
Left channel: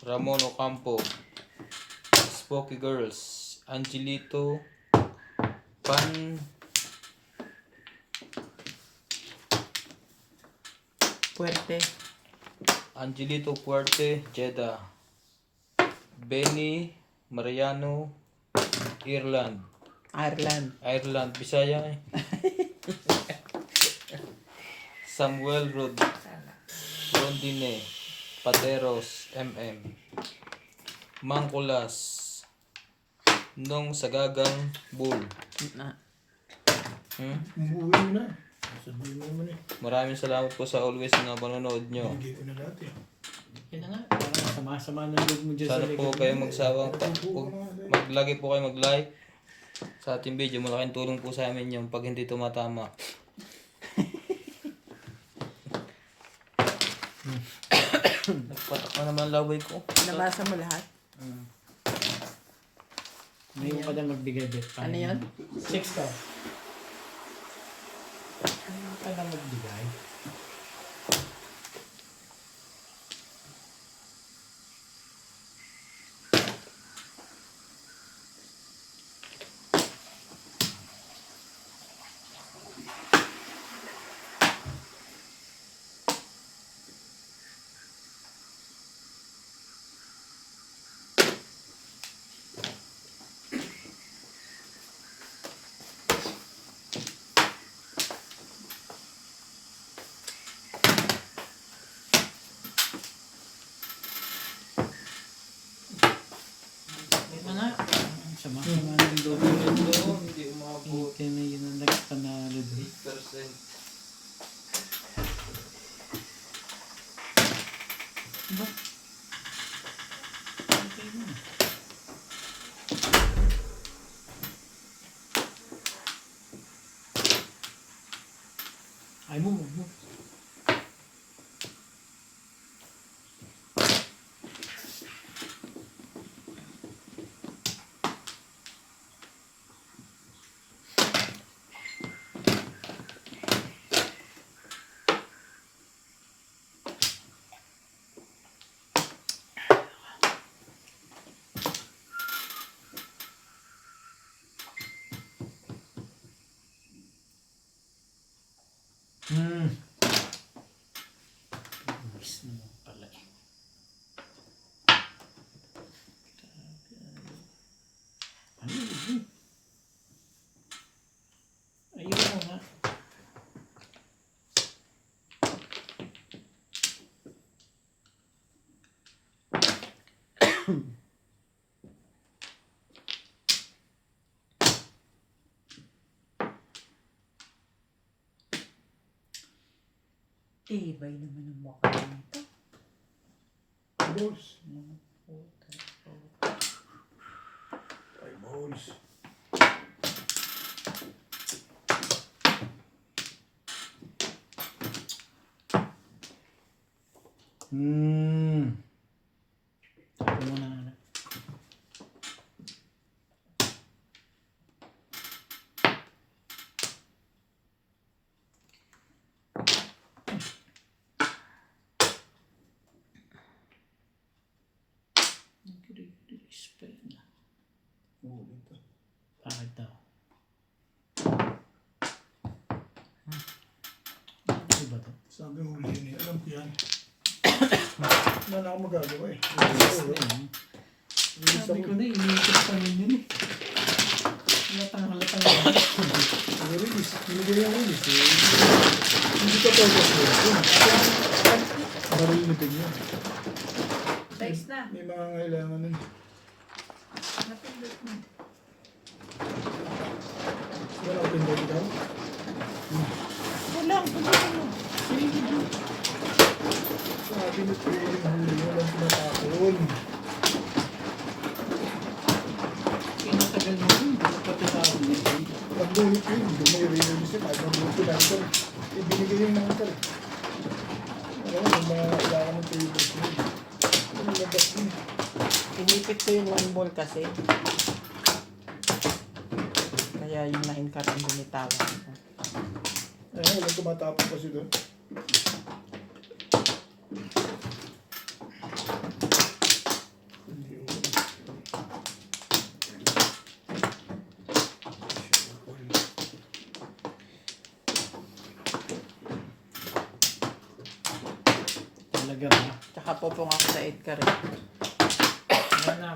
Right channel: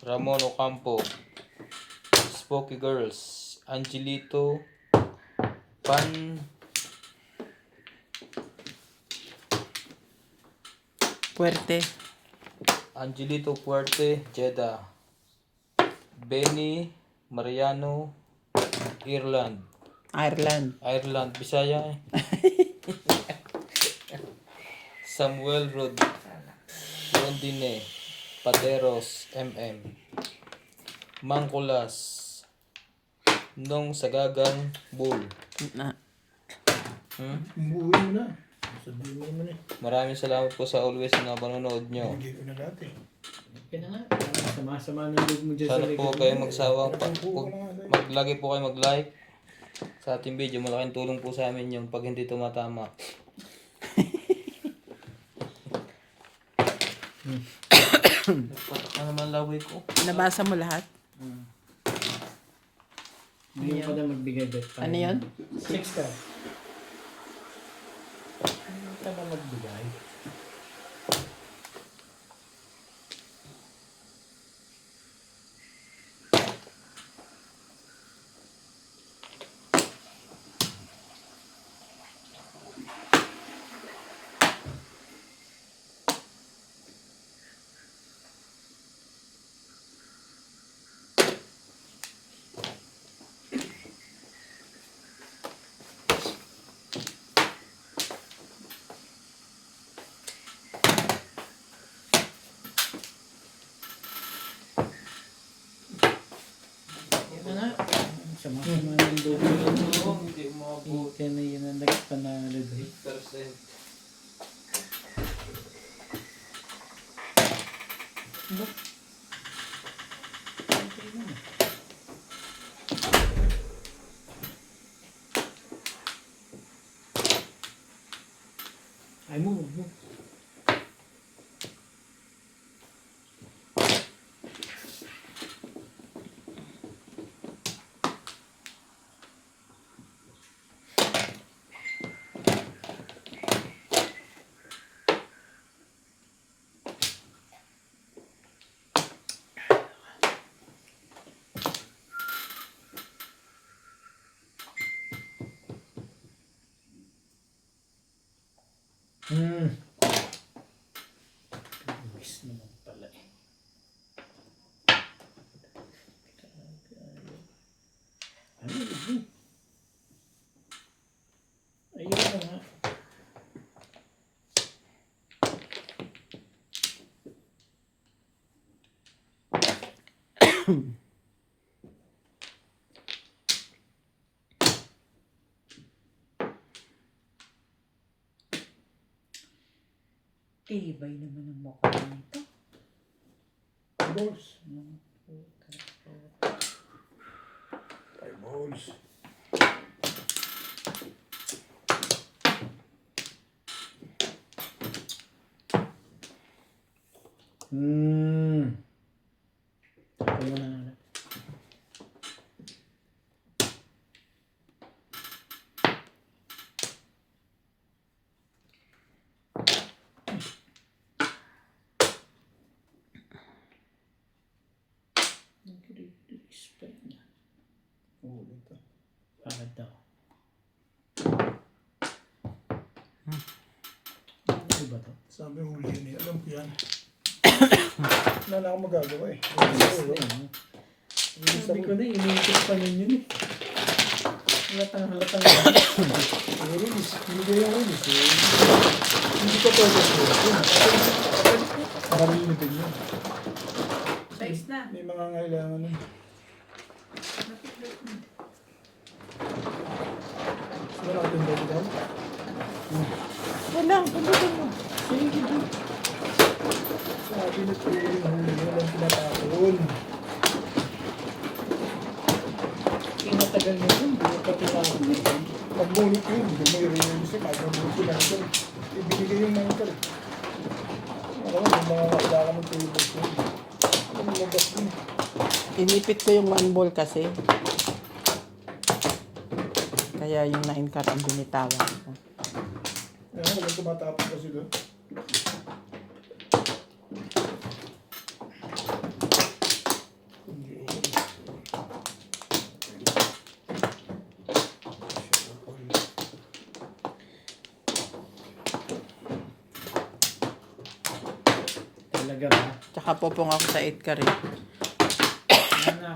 Ramon Ocampo. Spooky Girls. Angelito Puerte. Angelito Puerte, Jeddah. Benny Mariano, Ireland. Ireland. Bisaya eh. Samuel Rondine, Pateros, MM. Mangkulas, Nong Sagagang Bull. Na. Umuwi mo na. Sabihin mo naman eh. Maraming salamat po sa always na panonood nyo. Hindi ko na dati. Yan na nga. Sama-sama ng loob mo dyan Sana po kayo magsawang Natampo ko na nga. maglagi po kayo mag-like sa ating video. Malaking tulong po sa amin yung pag hindi tumatama. Ano naman laway ko? Nabasa mo lahat? Hindi mo pa na magbigay bet. Ano yan? 6 ka. Hindi mo pa na magbigay. Ito na. Sama-sama ng loob mo yan. Hindi umabot. Kaya na yun ang nagpanalo doon. 8%. Ay mo. Miss naman pala eh. Ano yun? Ayun na nga. Tibay naman ang mukha nito. Balls. 5 balls. Ito mo na. Ulit ah. Bakit daw? Ano ba to? Sabi mo huli yun eh. Alam ko yan. Wala na akong magagawa eh. Sabi ko na, iniisip pa ninyo eh. Halatang yan. Release. Binigay yung release eh. Hindi ko purpose mo. Para lilipin yun. Size na. May mga ngailangan eh. Wala ko Tagal mo yun, hindi ka tinapon. Nagbunot yun, hindi may release yun. Kahit nagbunot yun lang ito. Ibinigay yung mga ito. Alam mo, yung mga kailangan ng tables yun. Ano labas din. Inipit ko yung 1 ball kasi. Kaya yung 9 cut ang binitawan ko. Ayun, walang tumatapos kasi doon. Hindi okay. Talaga ba? Tsaka popong ako sa 8 ka rin. Yan na.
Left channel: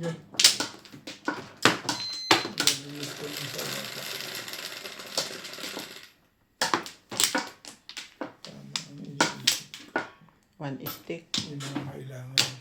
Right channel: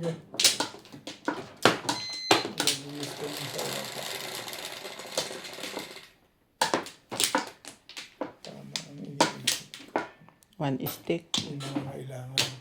Yan. Tama ang iniisip. 1 stick. Yung mga kailangan.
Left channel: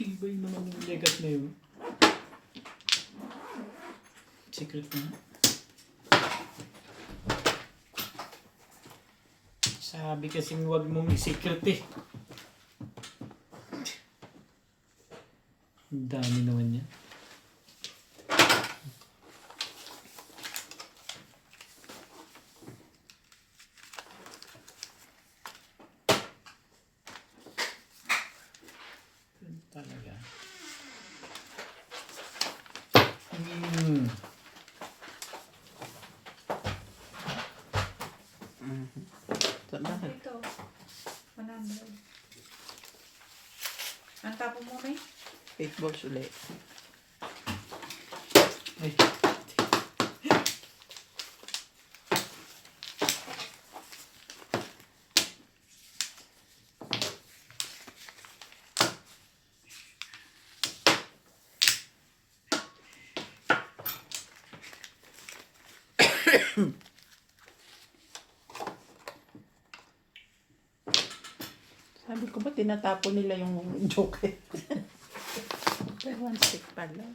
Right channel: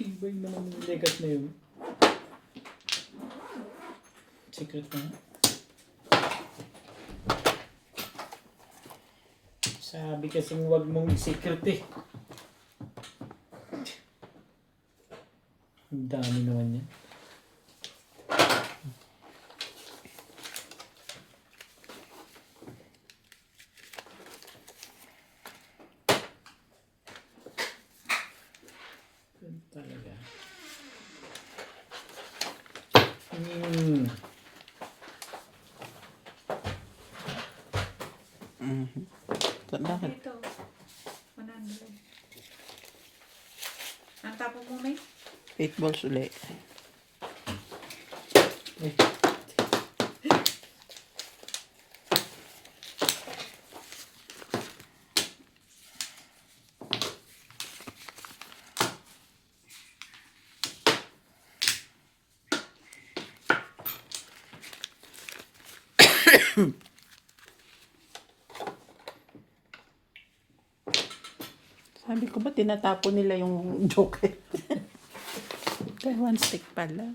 Tibay naman yung legat na yun. Secret na nga. Sabi kasing huwag mong i-secret eh. Ang dami naman yan. Talaga. Bakit? Ito. 100. Ang tapos mo na 8 balls ulit. Eh. Sabi ko ba tinatapon nila yung joker? Kaya 1 stick pala.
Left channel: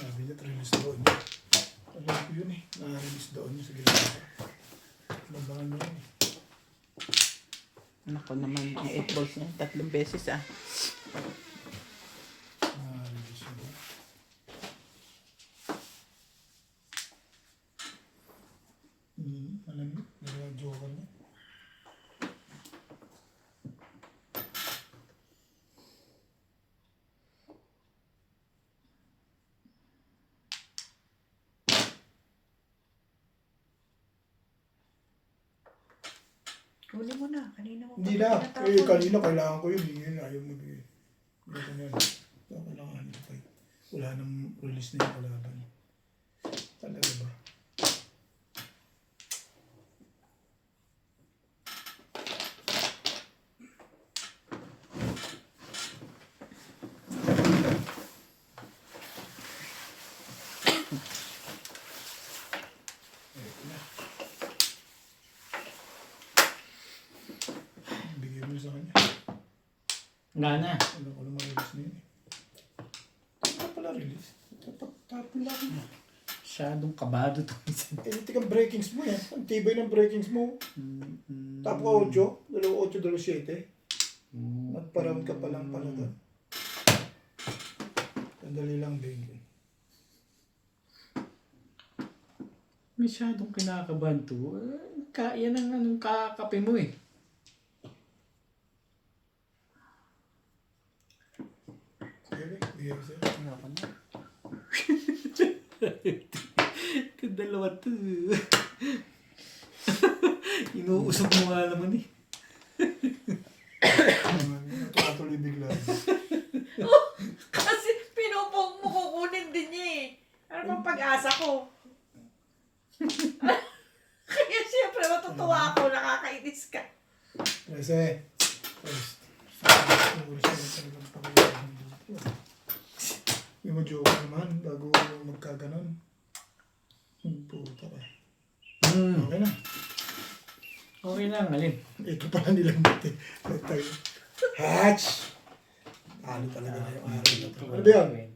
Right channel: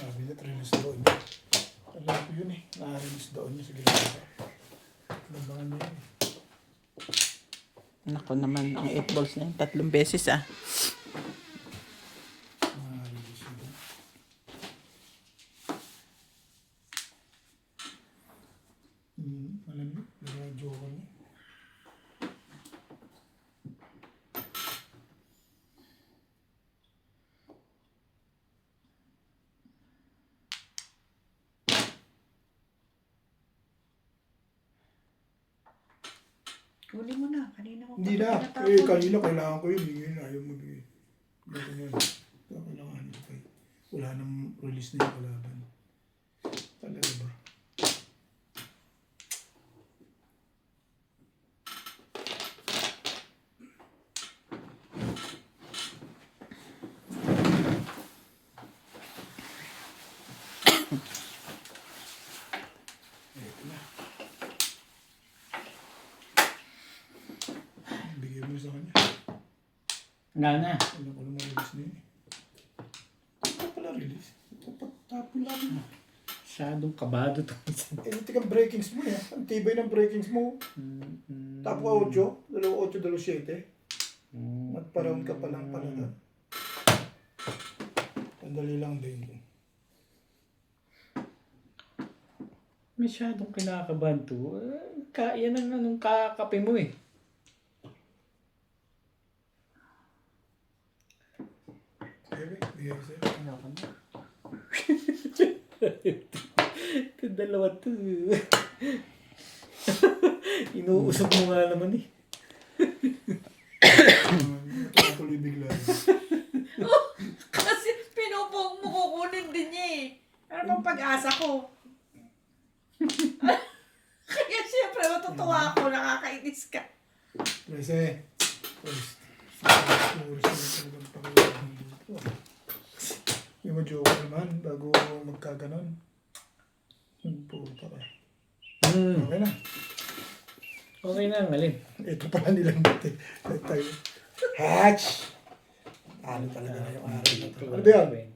Sabi niya, release doon niya. Alam ko yun eh. Na-release doon niya sa gilid. Labangan niya yun eh. Nako naman, ang 8 balls na yun. 3 beses ah. Na-release yun. Alam niyo, nagawang joker niya. Huli mo na. Kanina mo. Hindi na. Eh, kanina kailangan ko yun. Bigyan na. Ayaw mo bigyan. Ganito yan. Ito kailangan nito kay. Wala nang release na yung kalaban. Talaga ba? Nga na. Ano ko naman release na yun eh. Ano pala release? Tapon lang. Masyadong kabado to. Eh, tika breakings mo yan. Ang tibay ng breakings mo. Tapo ka 8, 8, 7. Magpa-round ka pa lang pala doon. Sandali lang din. Masyadong kinakabahan to. Yan ang anong kakape mo eh. Okay, bigay ko sa'yo. Ano ka na? Ito dalawa to. Inuusap mo nga naman eh. Tuloy bigla. Kasi pinupog mo, kukunin din niya eh. Ano bang pag-asa ko? Kaya siyempre matutuwa ako, nakakainis ka. 13. First. Yung ma-joke naman bago magkaganon. Puta ka. Okay na. Okay na, malim. Ito pala nilang dati. Tayo. Hatch! Ano talaga na yung araw na ito. Ano ba yan?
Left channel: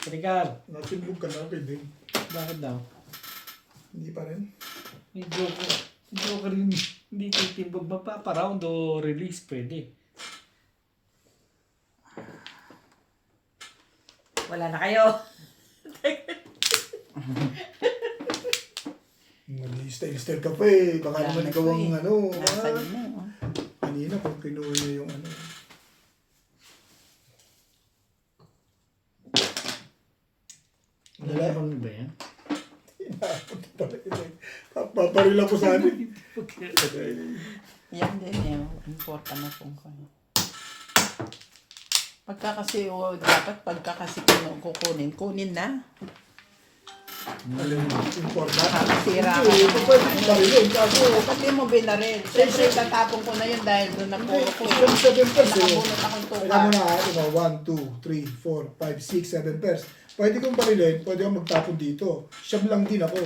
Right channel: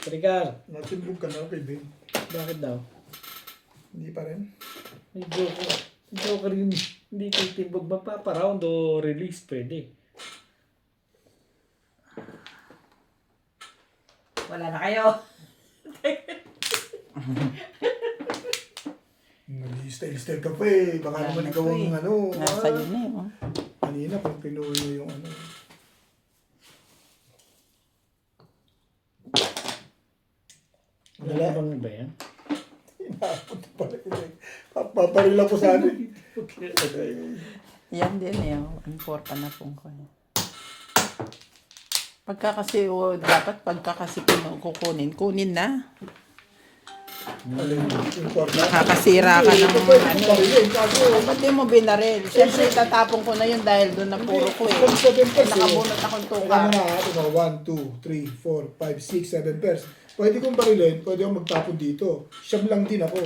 Trigar, Natimbog ka na, pwede. bakit daw? Hindi pa rin. May joke. Joke rin. Hindi kayo timbog mapaparound o release. Pwede. Wala na kayo. Nag-style ka pa eh. Baka Wala naman na ikaw po ang eh. ano. Nasa na eh. Oh. Kanina kung pinuwi niya yung ano. Wala bang ba yan? Inapunta pala ito eh. Paparila ko sa amin. Okay. Yan din eh. Important na kung kaya. Pagka kasi, dapat pagka kasi kukunin na. Alin, important. Nakakasira ka Hindi, ng ito pwede kong barilin. Kaso, Hindi mo binaril. Siyempre, tatapon ko na yun dahil doon hindi, nagpuro ko eh. kung 7 pairs eh. Nakabunot akong Kailangan mo tuka. na, diba, 1, 2, 3, 4, 5, 6, 7 pairs. Pwede kong barilin, pwede akong magtapon dito. Siyam lang din ako.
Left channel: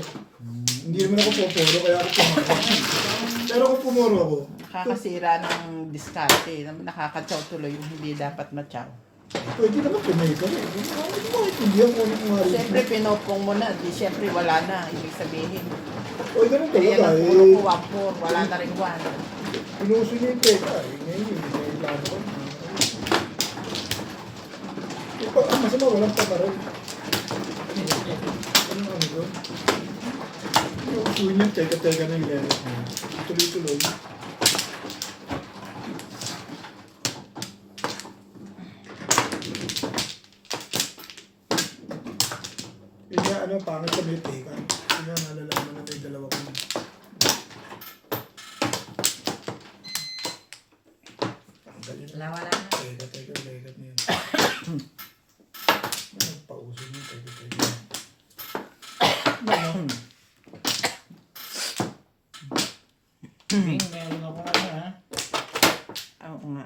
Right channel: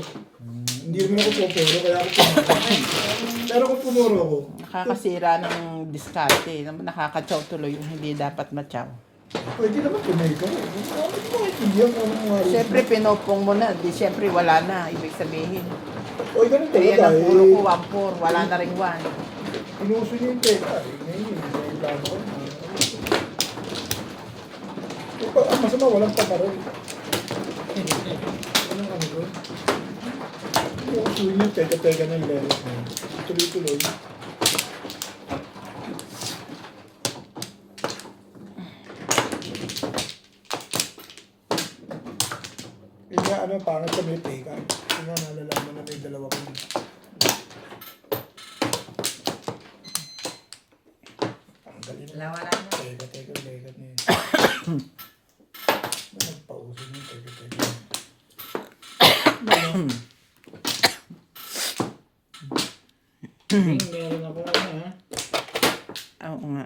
Hindi naman ako pumuro, kaya ako pumuro. Pero kung pumuro ako, Nakakasira ng diskarte. Nakakatsaw tuloy yung hindi dapat matsaw. pwede naman tumay ka rin. Hindi mo maintindihan kung anong mga rin. Siyempre, pinopong mo na. Di siyempre, wala na. Ibig sabihin. O, ganun Kaya talaga ang puro eh. ko, wampur. Wala na rin one. Pinuso niyo yung teka. Eh, ngayon, may plano ko. Ang masama, walang pamaril. Anong ano doon? Pinusuin yung teka-teka na yung leros mo. Tuloy-tuloy. Kaya ano, pangit sa may teka. Kaya nalalaman na may dalawa kong tanggalin na. Wala na. Teka, legat niya. Nagpauso niya, teka. Meron ako ano ha. Oo nga.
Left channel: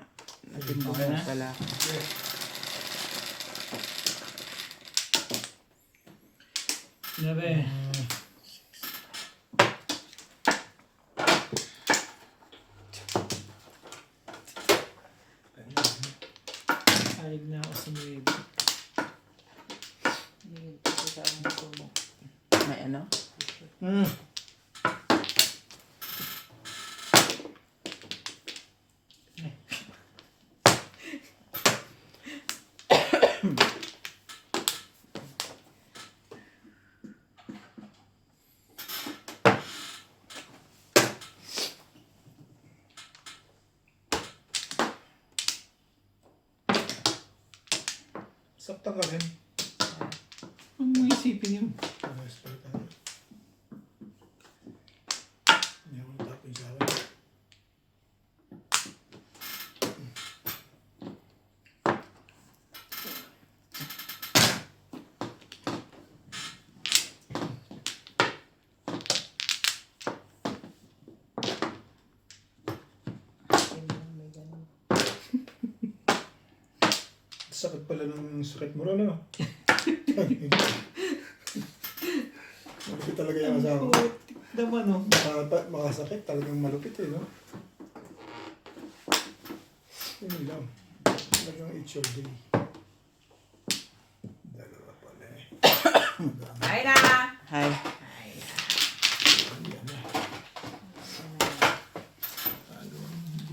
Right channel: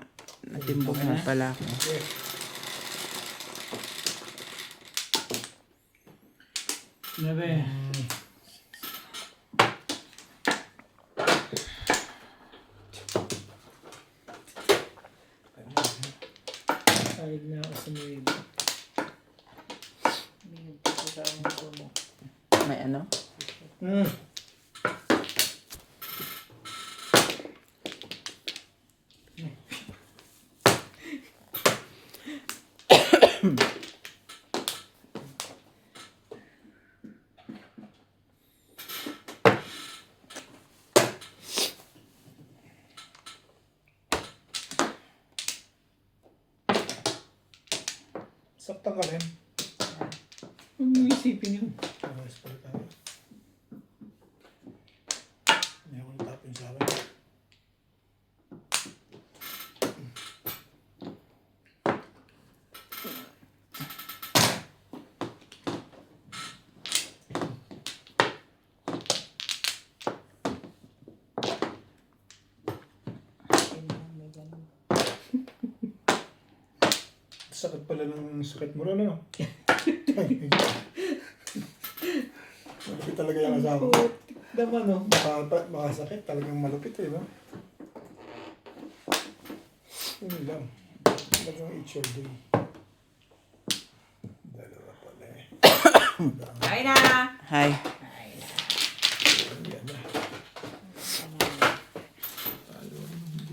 Natimbog na pala ako. Nabe. Sayag na ako sa mga May ano? Saktan ka rin. Huwag mong isipin yun. Ano, spell ka rin. Hindi ako natapin sa akin. Sakit pala ng sakit mo rin, ano? Malupit talaga yung asawa. Naman no. Makasakit, talagang malupit eh, no? Yun lang. Talagang it's your day. Dalawa pala eh. Ay na! Hi.